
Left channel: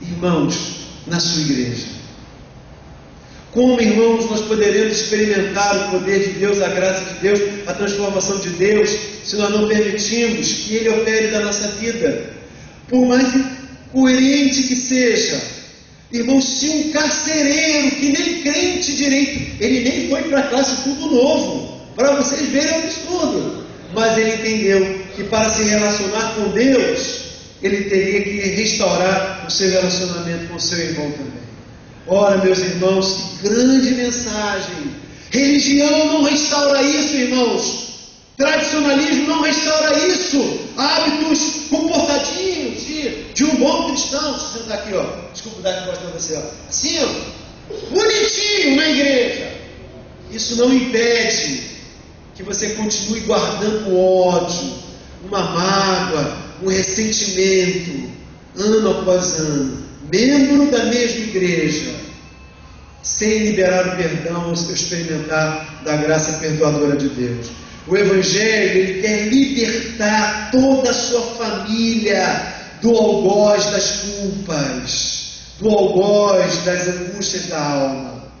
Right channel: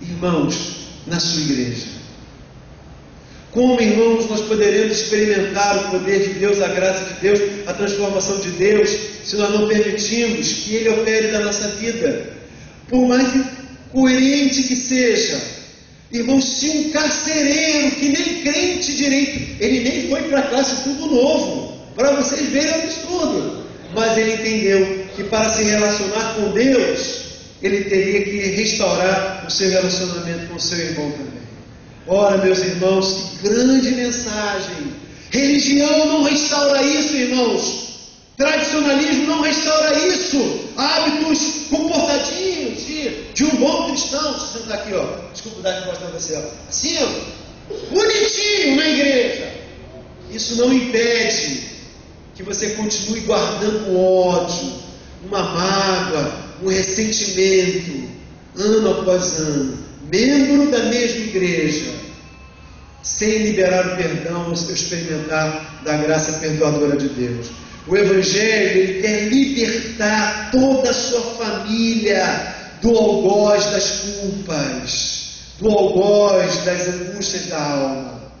irmãos, na sua igreja. Como, irmãos, nós poderemos experimentar o poder de Deus, a graça de Deus, a transformação de Deus, se nós não permitirmos que Ele opere na nossa vida? Por mais coerente que seja, irmãos, se um carcereiro que nem crente direito, ele nem foi para a classe tudo novo, para vocês verem o absurdo, mas ele entendeu que para se relacionar com Deus, ele teria que restaurar o seu relacionamento com o seu irmão também. Ora, meus irmãos, que grande mensagem! Religião não restaura isso, irmãos. Tradicionalismo não restaura isso. Hábitos comportadinhos de um bom cristão. Se sentar aqui, ó. Desculpa dar resposta para você, ó. Assim, ó. Bonitinho na igreja. Isso não impede que você continue guardando ódio, uma mágoa, um ressentimento, ano após ano. Membro da mesma igreja, sem liberar o perdão, ou experimentar da graça perdoadora de Deus. O Evangelho, ele quer libertar toda a sua família do algoz das culpas, do algoz das angústias da alma.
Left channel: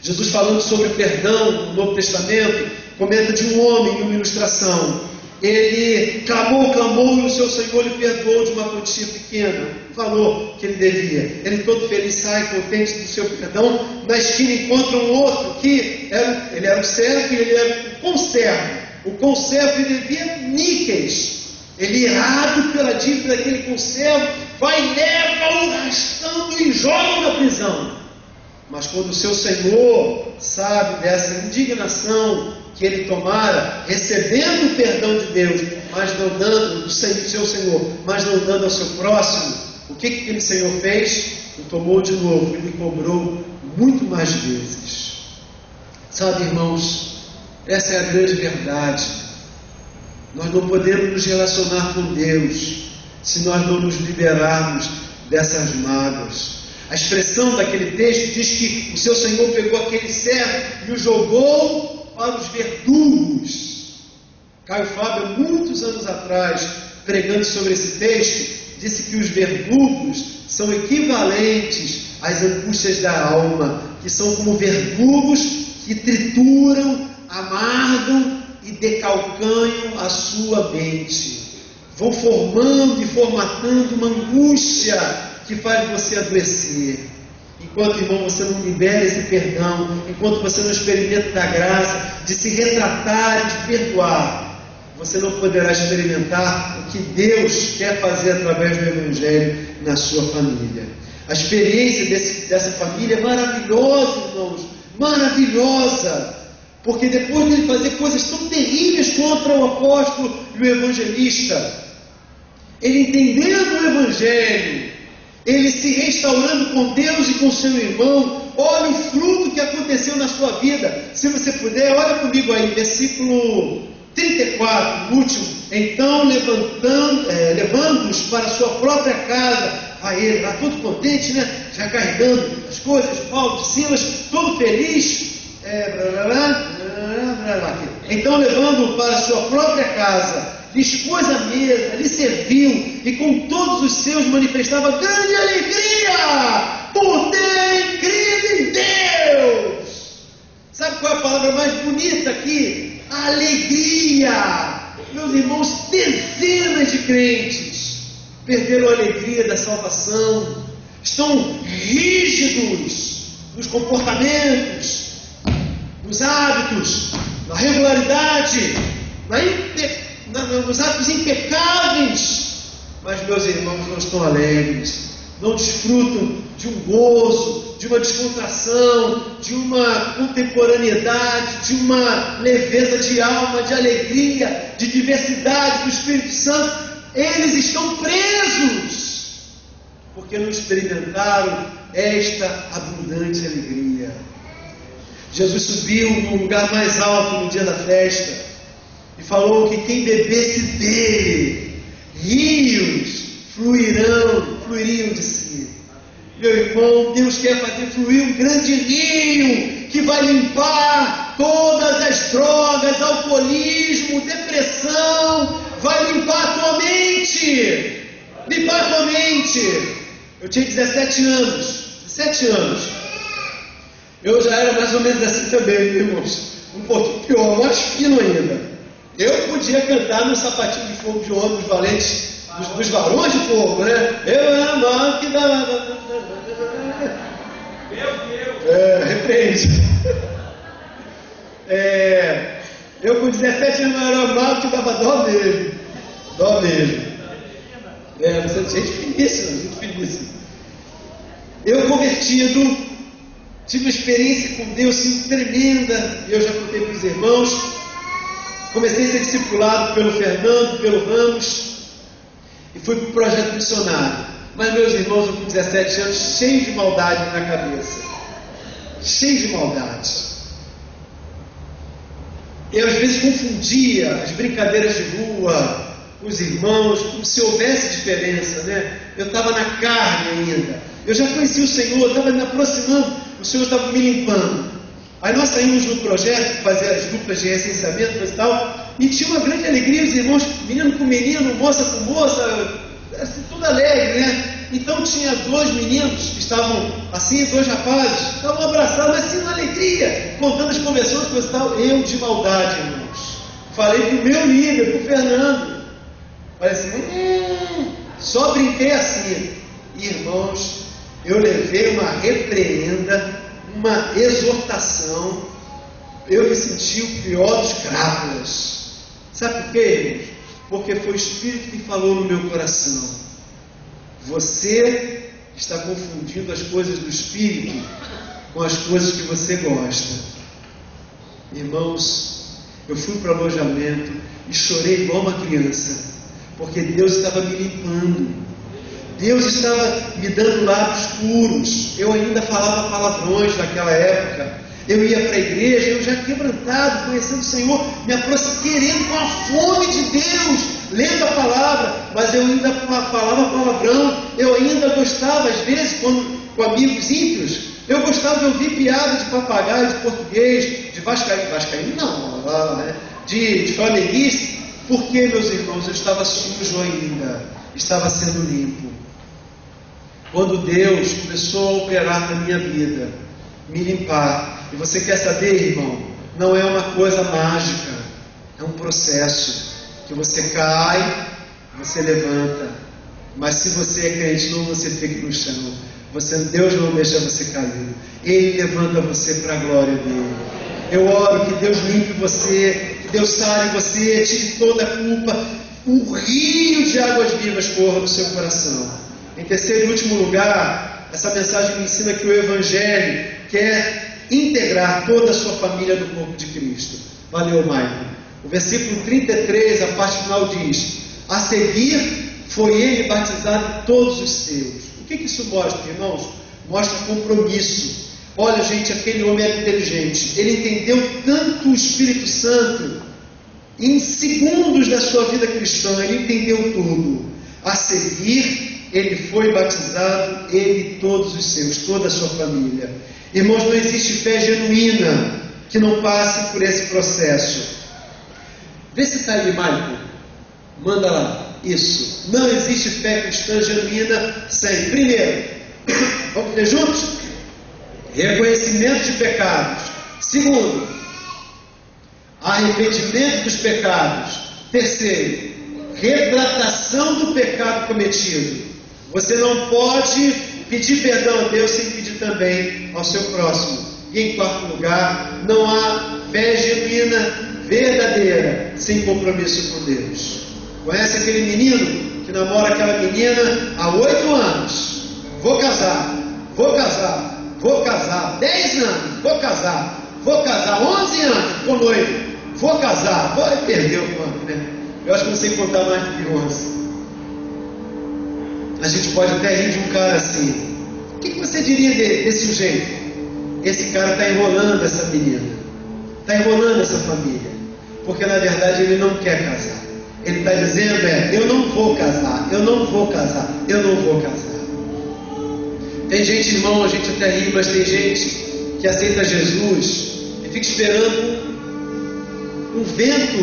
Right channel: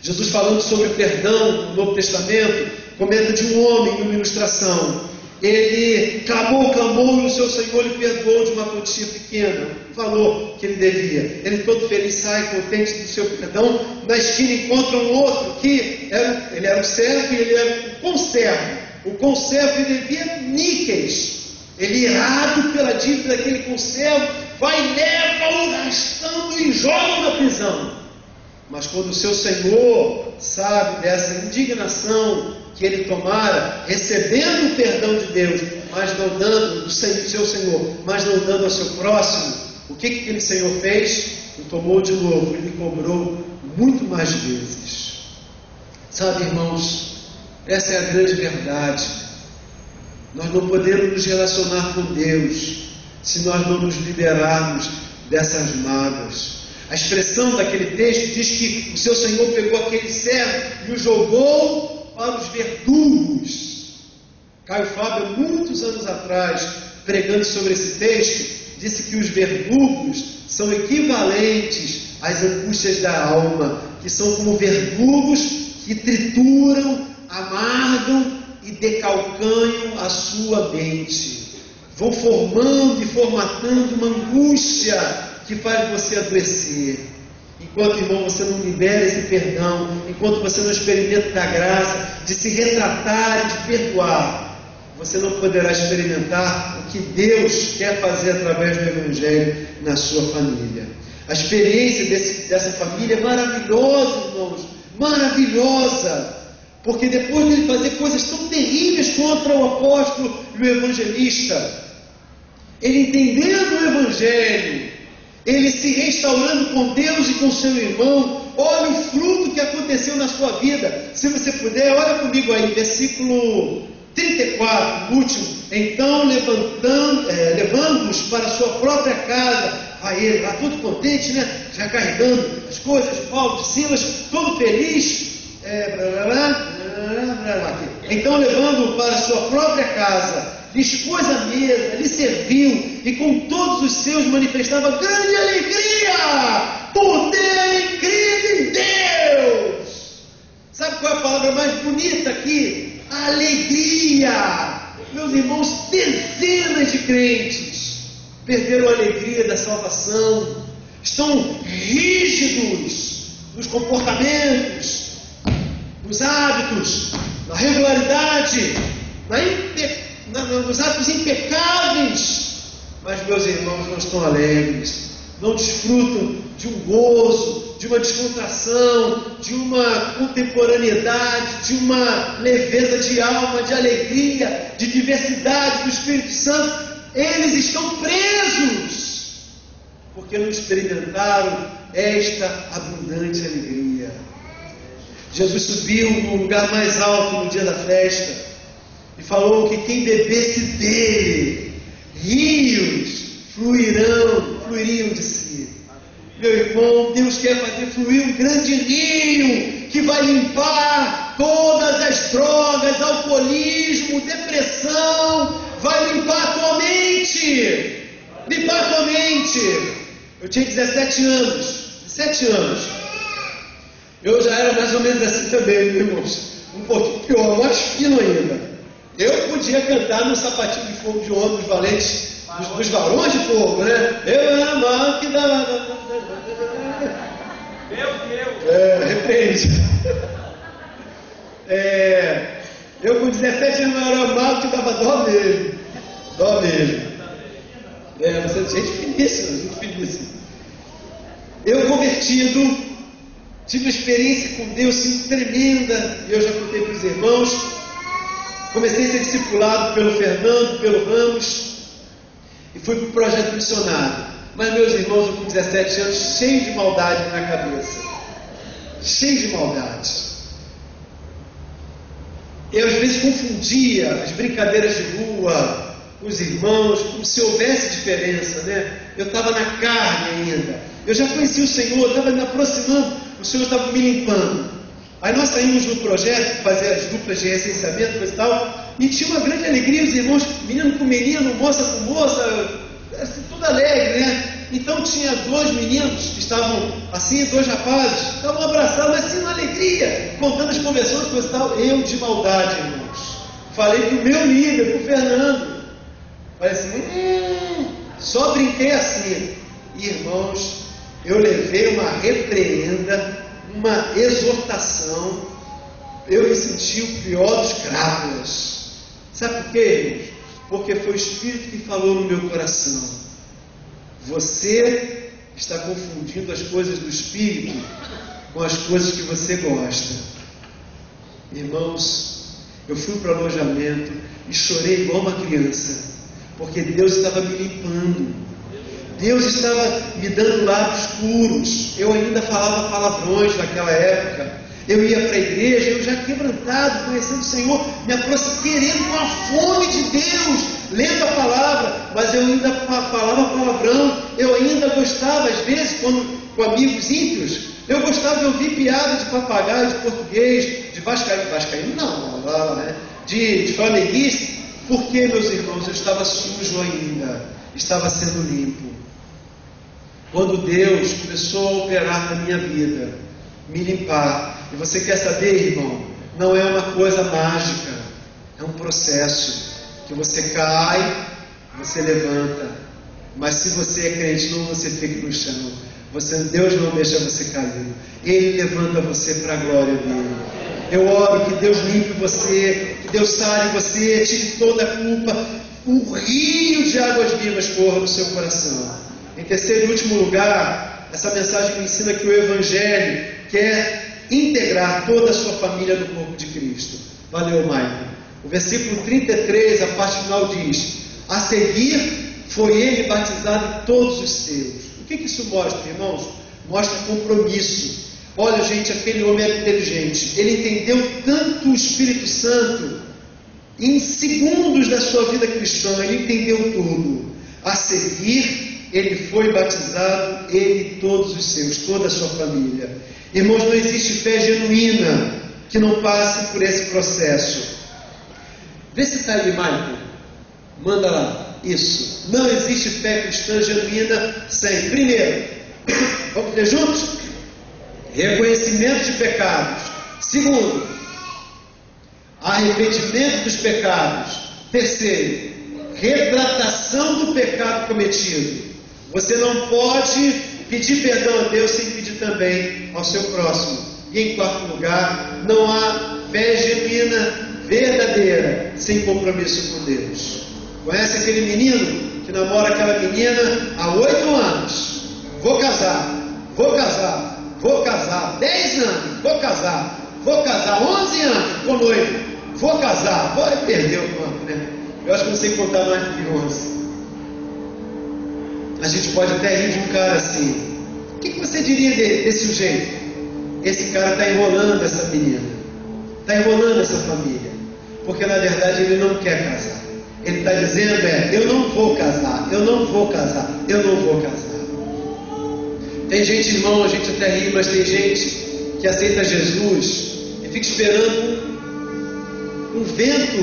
Jesus, falando sobre o perdão no Novo Testamento, comenta de um homem em uma ilustração. Ele clamou e o seu Senhor lhe perdoou de uma quantia pequena, o valor que ele devia. Ele todo feliz sai contente do seu perdão. Na esquina encontra um outro que ele era o servo e ele era o conservo. O conservo lhe devia níqueis. Ele, irado pela dívida daquele conservo, vai, leva-o arrastando e joga na prisão. Mas quando o seu Senhor sabe dessa indignação que ele tomara, recebendo o perdão de Deus, mas não dando do seu Senhor, mas não dando ao seu próximo, o que aquele Senhor fez? O tomou de novo e lhe cobrou muito mais vezes. Sabe, irmãos, essa é a grande verdade. Nós não podemos nos relacionar com Deus se nós não nos liberarmos dessas mágoas. A expressão daquele texto diz que o seu Senhor pegou aquele servo e o jogou para os verdugos. Caio Fábio, muitos anos atrás, pregando sobre esse texto, disse que os verdugos são equivalentes às angústias da alma, que são como verdugos que trituram, amargam e decalcanham a sua mente. Vão formando e formatando uma angústia que faz você adoecer. Enquanto, irmão, você não libera esse perdão, enquanto você não experimenta a graça de se retratar e de perdoar, você não poderá experimentar o que Deus quer fazer através do Evangelho na sua família. A experiência dessa família é maravilhosa, irmãos, maravilhosa, porque depois de ele fazer coisas tão terríveis contra o apóstolo e o evangelista, ele entendendo o Evangelho, ele se restaurando com Deus e com seu irmão, olha o fruto que aconteceu na sua vida. Se você puder, olha comigo aí, versículo 34, último. Então, levando-os para a sua própria casa, vai ele lá todo contente, né? Já carregando as coisas, Paulo, Silas, todo feliz. Então, levando-o para a sua própria casa, lhes pôs a mesa, lhe serviu, e com todos os seus manifestava grande alegria, por terem crido em Deus. Sabe qual é a palavra mais bonita aqui? Alegria. Meus irmãos, dezenas de crentes perderam a alegria da salvação, estão rígidos nos comportamentos, nos hábitos, na regularidade, nos atos impecáveis, mas meus irmãos não estão alegres, não desfrutam de um gozo, de uma descontração, de uma contemporaneidade, de uma leveza de alma, de alegria, de diversidade do Espírito Santo. Eles estão presos, porque não experimentaram esta abundante alegria. Jesus subiu no lugar mais alto no dia da festa e falou que quem bebesse dele, rios fluiriam de si. Meu irmão, Deus quer fazer fluir um grande rio que vai limpar todas as drogas, alcoolismo, depressão, vai limpar a tua mente. Limpar a tua mente. Eu tinha 17 anos. Eu já era mais ou menos assim também, irmãos. Um pouquinho pior, mais fino ainda. Eu podia cantar no sapatinho de fogo de ouro dos valentes, dos varões de fogo, né? Eu era mal que dava. Repreende. Eu com 17 anos era mal que dava dó mesmo. Você é gente finíssima. Eu convertido, tive uma experiência com Deus assim, tremenda. Eu já contei para os irmãos. Comecei a ser discipulado pelo Fernando, pelo Ramos, e fui para o projeto missionário. Mas meus irmãos, eu com 17 anos, cheio de maldade na cabeça. Cheio de maldade. Eu às vezes confundia as brincadeiras de rua com os irmãos, como se houvesse diferença, né? Eu estava na carne ainda. Eu já conhecia o Senhor, estava me aproximando, o Senhor estava me limpando. Aí nós saímos no projeto, fazer as duplas de recenseamento e tal, e tinha uma grande alegria, os irmãos, menino com menino, moça com moça, assim, tudo alegre, né? Então tinha 2 meninos que estavam assim, 2 rapazes, estavam abraçados, assim, na alegria, contando as conversões, coisa e tal. Eu de maldade, irmãos, falei pro meu líder, pro Fernando, falei assim, só brinquei assim. Irmãos, eu levei uma repreenda, uma exortação, eu me senti o pior dos crápulas. Sabe por quê, irmãos? Porque foi o Espírito que falou no meu coração. Você está confundindo as coisas do Espírito com as coisas que você gosta. Irmãos, eu fui para o alojamento e chorei igual uma criança, porque Deus estava me limpando. Deus estava me dando lábios puros. Eu ainda falava palavrões naquela época. Eu ia para a igreja, eu já quebrantado, conhecendo o Senhor, me aproximando, querendo com a fome de Deus, lendo a palavra, mas eu ainda falava palavrão. Eu ainda gostava, às vezes, quando com amigos ímpios, eu gostava de ouvir piada de papagaio, de português, de vascaíno não, né? de flamenguista. Porque, meus irmãos, eu estava sujo ainda, estava sendo limpo. Quando Deus começou a operar na minha vida, me limpar, e você quer saber, irmão, não é uma coisa mágica, é um processo, que você cai, você levanta, mas se você é crente, não você fica no chão, Deus não deixa você cair, Ele levanta você para a glória dEle. Eu oro que Deus limpe você, que Deus sare você, tire toda a culpa, um rio de águas vivas corra no seu coração. Em terceiro e último lugar, essa mensagem me ensina que o Evangelho quer integrar toda a sua família no corpo de Cristo. Valeu, Maicon. O versículo 33, a parte final diz: a seguir foi ele batizado em todos os seus. O que isso mostra, irmãos? Mostra compromisso. Olha, gente, aquele homem era inteligente. Ele entendeu tanto o Espírito Santo em segundos da sua vida cristã. Ele entendeu tudo. A seguir, ele foi batizado, ele e todos os seus, toda a sua família. Irmãos, não existe fé genuína que não passe por esse processo. Vê se está aí, Michael. Manda lá. Isso. Não existe fé cristã genuína sem. Primeiro, vamos ler juntos? Reconhecimento de pecados. Segundo, arrependimento dos pecados. Terceiro, retratação do pecado cometido. Você não pode pedir perdão a Deus sem pedir também ao seu próximo. E em quarto lugar, não há fé genuína, verdadeira, sem compromisso com Deus. Conhece aquele menino que namora aquela menina há 8 anos? Vou casar, vou casar, vou casar. 10 anos, vou casar, vou casar. 11 anos, ficou noivo, vou casar. Perdeu o quanto, né? Eu acho que não sei contar mais do que 11. A gente pode até rir de um cara assim. O que você diria desse sujeito? Esse cara está enrolando essa menina, está enrolando essa família, porque na verdade ele não quer casar. Ele está dizendo eu não vou casar, eu não vou casar, eu não vou casar. Tem gente, irmão, a gente até ri, mas tem gente que aceita Jesus e fica esperando um vento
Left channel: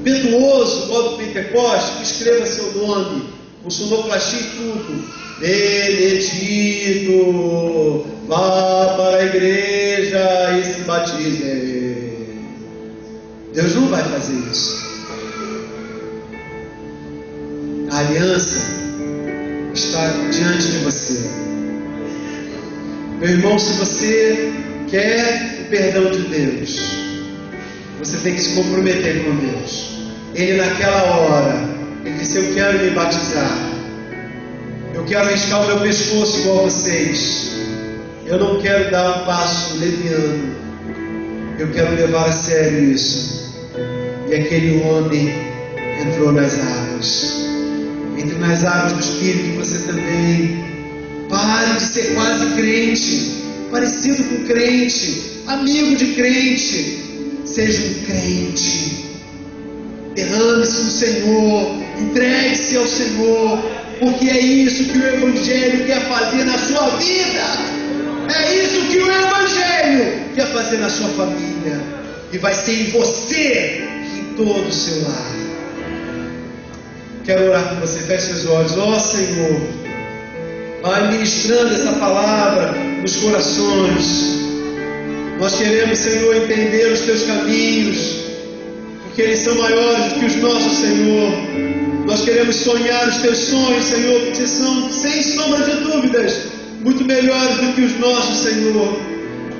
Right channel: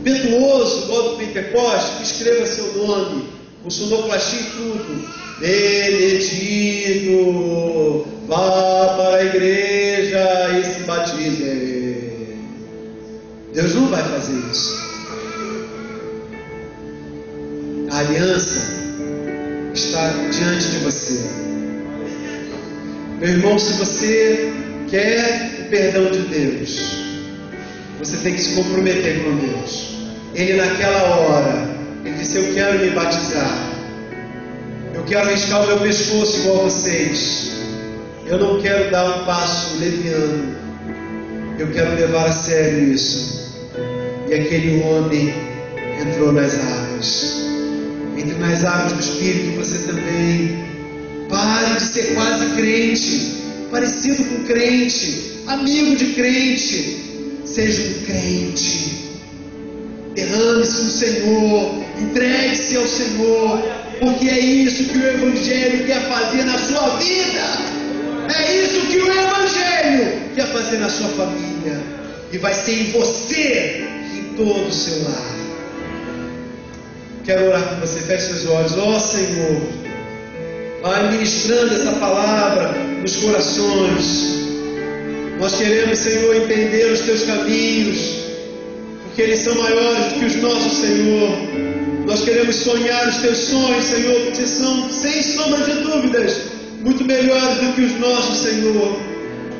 impetuoso, igual do Pentecoste, que escreva seu nome, com sonoplastia e tudo. Benedito, vá para a igreja e se batize. Deus não vai fazer isso. A aliança está diante de você. Meu irmão, se você quer o perdão de Deus, você tem que se comprometer com Deus. Ele naquela hora, ele disse: eu quero me batizar, eu quero riscar o meu pescoço igual a vocês, eu não quero dar um passo leviano, eu quero levar a sério isso. E aquele homem entrou nas águas. Entre nas águas do Espírito você também. Pare de ser quase crente, parecido com crente, amigo de crente. Seja um crente. Derrame-se no Senhor, entregue-se ao Senhor, porque é isso que o Evangelho quer fazer na sua vida. É isso que o Evangelho quer fazer na sua família. E vai ser em você e em todo o seu lar. Quero orar com você. Feche seus olhos. Ó Senhor, vai ministrando essa palavra nos corações. Nós queremos, Senhor, entender os teus caminhos, porque eles são maiores do que os nossos, Senhor. Nós queremos sonhar os teus sonhos, Senhor, porque são, sem sombra de dúvidas, muito melhores do que os nossos, Senhor.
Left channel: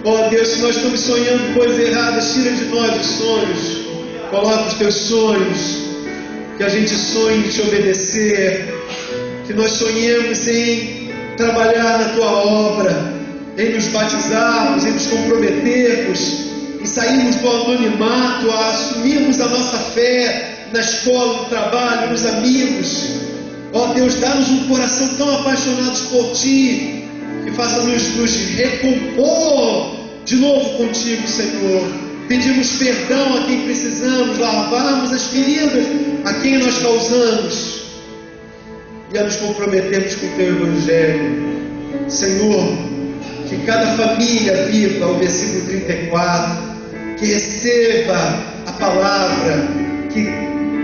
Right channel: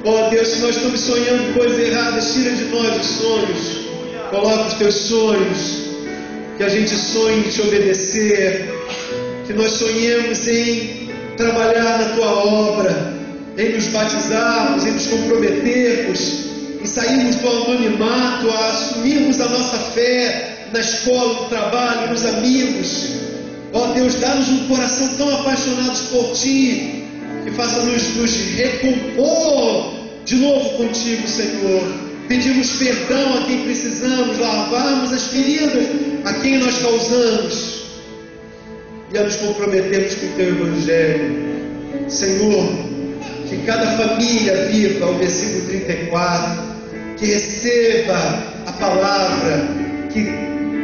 Ó Deus, se nós estamos sonhando coisas erradas, tira de nós os sonhos. Coloca os teus sonhos. Que a gente sonhe em te obedecer, que nós sonhemos em trabalhar na tua obra, em nos batizarmos, em nos comprometermos, em sairmos do anonimato, a assumirmos a nossa fé na escola, no trabalho, nos amigos. Ó Deus, dá-nos um coração tão apaixonado por ti, que faça nos recompor de novo contigo, Senhor. Pedimos perdão a quem precisamos, lavarmos as feridas a quem nós causamos e a nos comprometermos com o teu Evangelho. Senhor, que cada família viva o versículo 34, que receba a palavra, que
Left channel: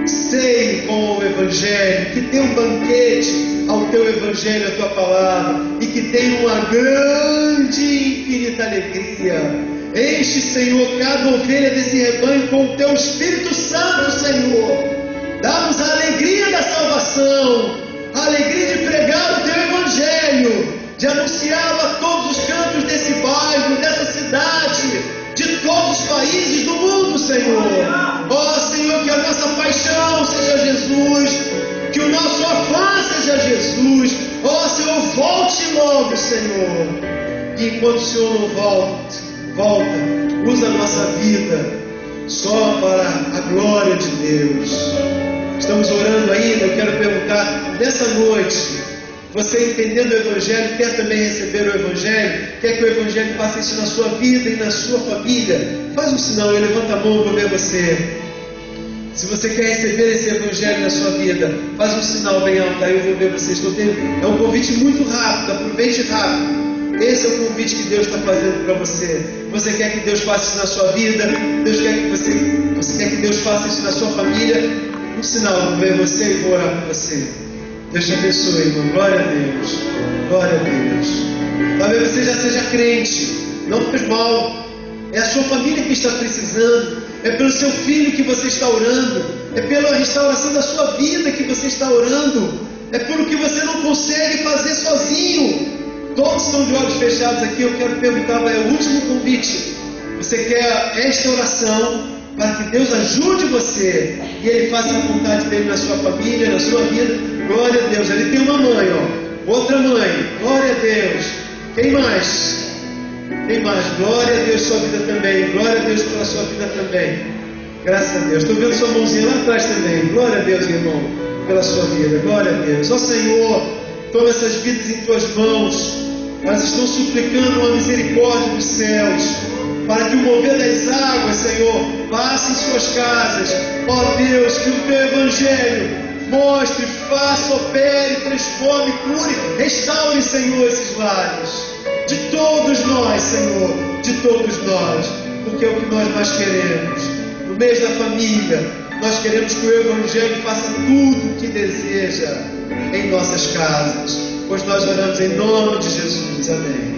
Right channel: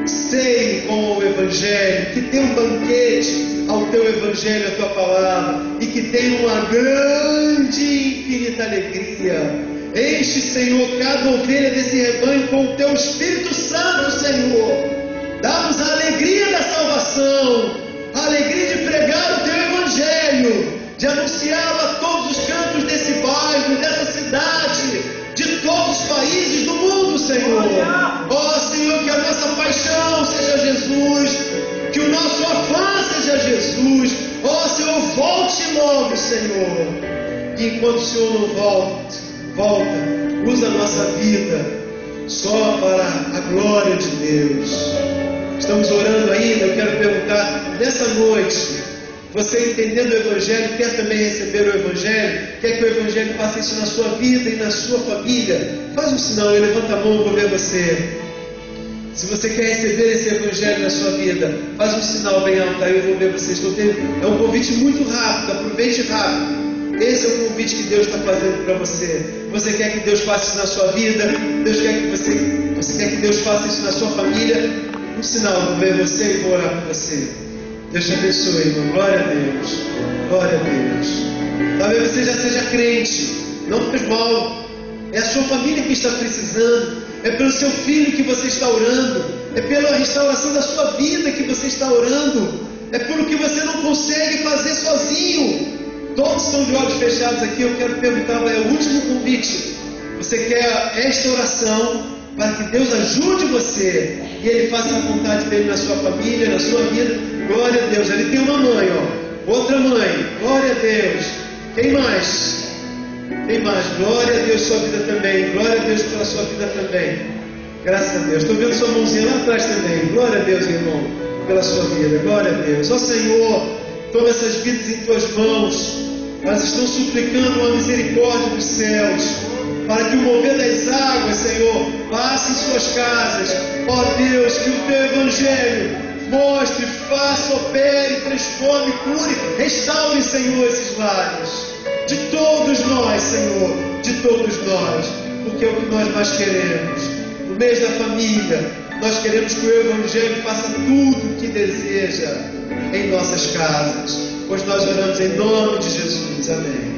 ceie com o Evangelho, que dê um banquete ao teu Evangelho, à tua palavra, e que tenha uma grande e infinita alegria. Enche, Senhor, cada ovelha desse rebanho com o teu Espírito Santo, Senhor. Dá-nos a alegria da salvação, a alegria de pregar o teu Evangelho, de anunciá-lo a todos os cantos desse bairro, dessa cidade, de todos os países do mundo, Senhor. Ó Senhor, que a nossa paixão seja Jesus, que o nosso afã seja Jesus. Ó Senhor, volte logo, Senhor. E enquanto o Senhor não volta, usa a nossa vida só para a glória de Deus. Estamos orando ainda. Eu quero perguntar, nessa noite, você entendendo o Evangelho, quer também receber o Evangelho, quer que o Evangelho faça isso na sua vida e na sua família? Faz um sinal, eu levanto a mão, eu vou ver você. Se você quer receber esse Evangelho na sua vida, faz um sinal bem alto, aí eu vou ver você. É um convite muito rápido, aproveite rápido. Esse é o convite que Deus está fazendo para você. Você quer que Deus faça isso na sua vida? Deus quer que você quer que Deus faça isso na sua família? Um sinal, vou ver você e vou orar por você. Deus te abençoe, irmão. Glória a Deus. Glória a Deus. Talvez você já seja crente. Não faz mal. É a sua família que está precisando. É pelo seu filho que você está orando. É pela restauração da sua vida que você está orando. É pelo que você não consegue fazer sozinho. Todos estão de olhos fechados aqui. Eu quero perguntar, é o último convite. Você quer esta oração para que Deus ajude você e Ele faça a vontade dEle na sua família, na sua vida? Glória a Deus. Ali tem uma mãe, ó. Outra mãe. Glória a Deus. Quem mais? Quem mais? Glória a Deus, sua vida também. Glória a Deus pela sua vida também. Graças a Deus. Estou vendo sua mãozinha lá atrás também. Glória a Deus, irmão, pela sua vida. Glória a Deus. Ó Senhor, toma essas vidas em tuas mãos. Elas estão suplicando uma misericórdia dos céus, para que o mover das águas, Senhor, passe em suas casas. Ó Deus, que o teu Evangelho mostre, faça, opere, transforme, cure, restaure, Senhor, esses lares. De todos nós, Senhor, de todos nós, porque é o que nós mais queremos. No mês da família, nós queremos que o Evangelho faça tudo o que deseja em nossas casas, pois nós oramos em nome de Jesus. Amém.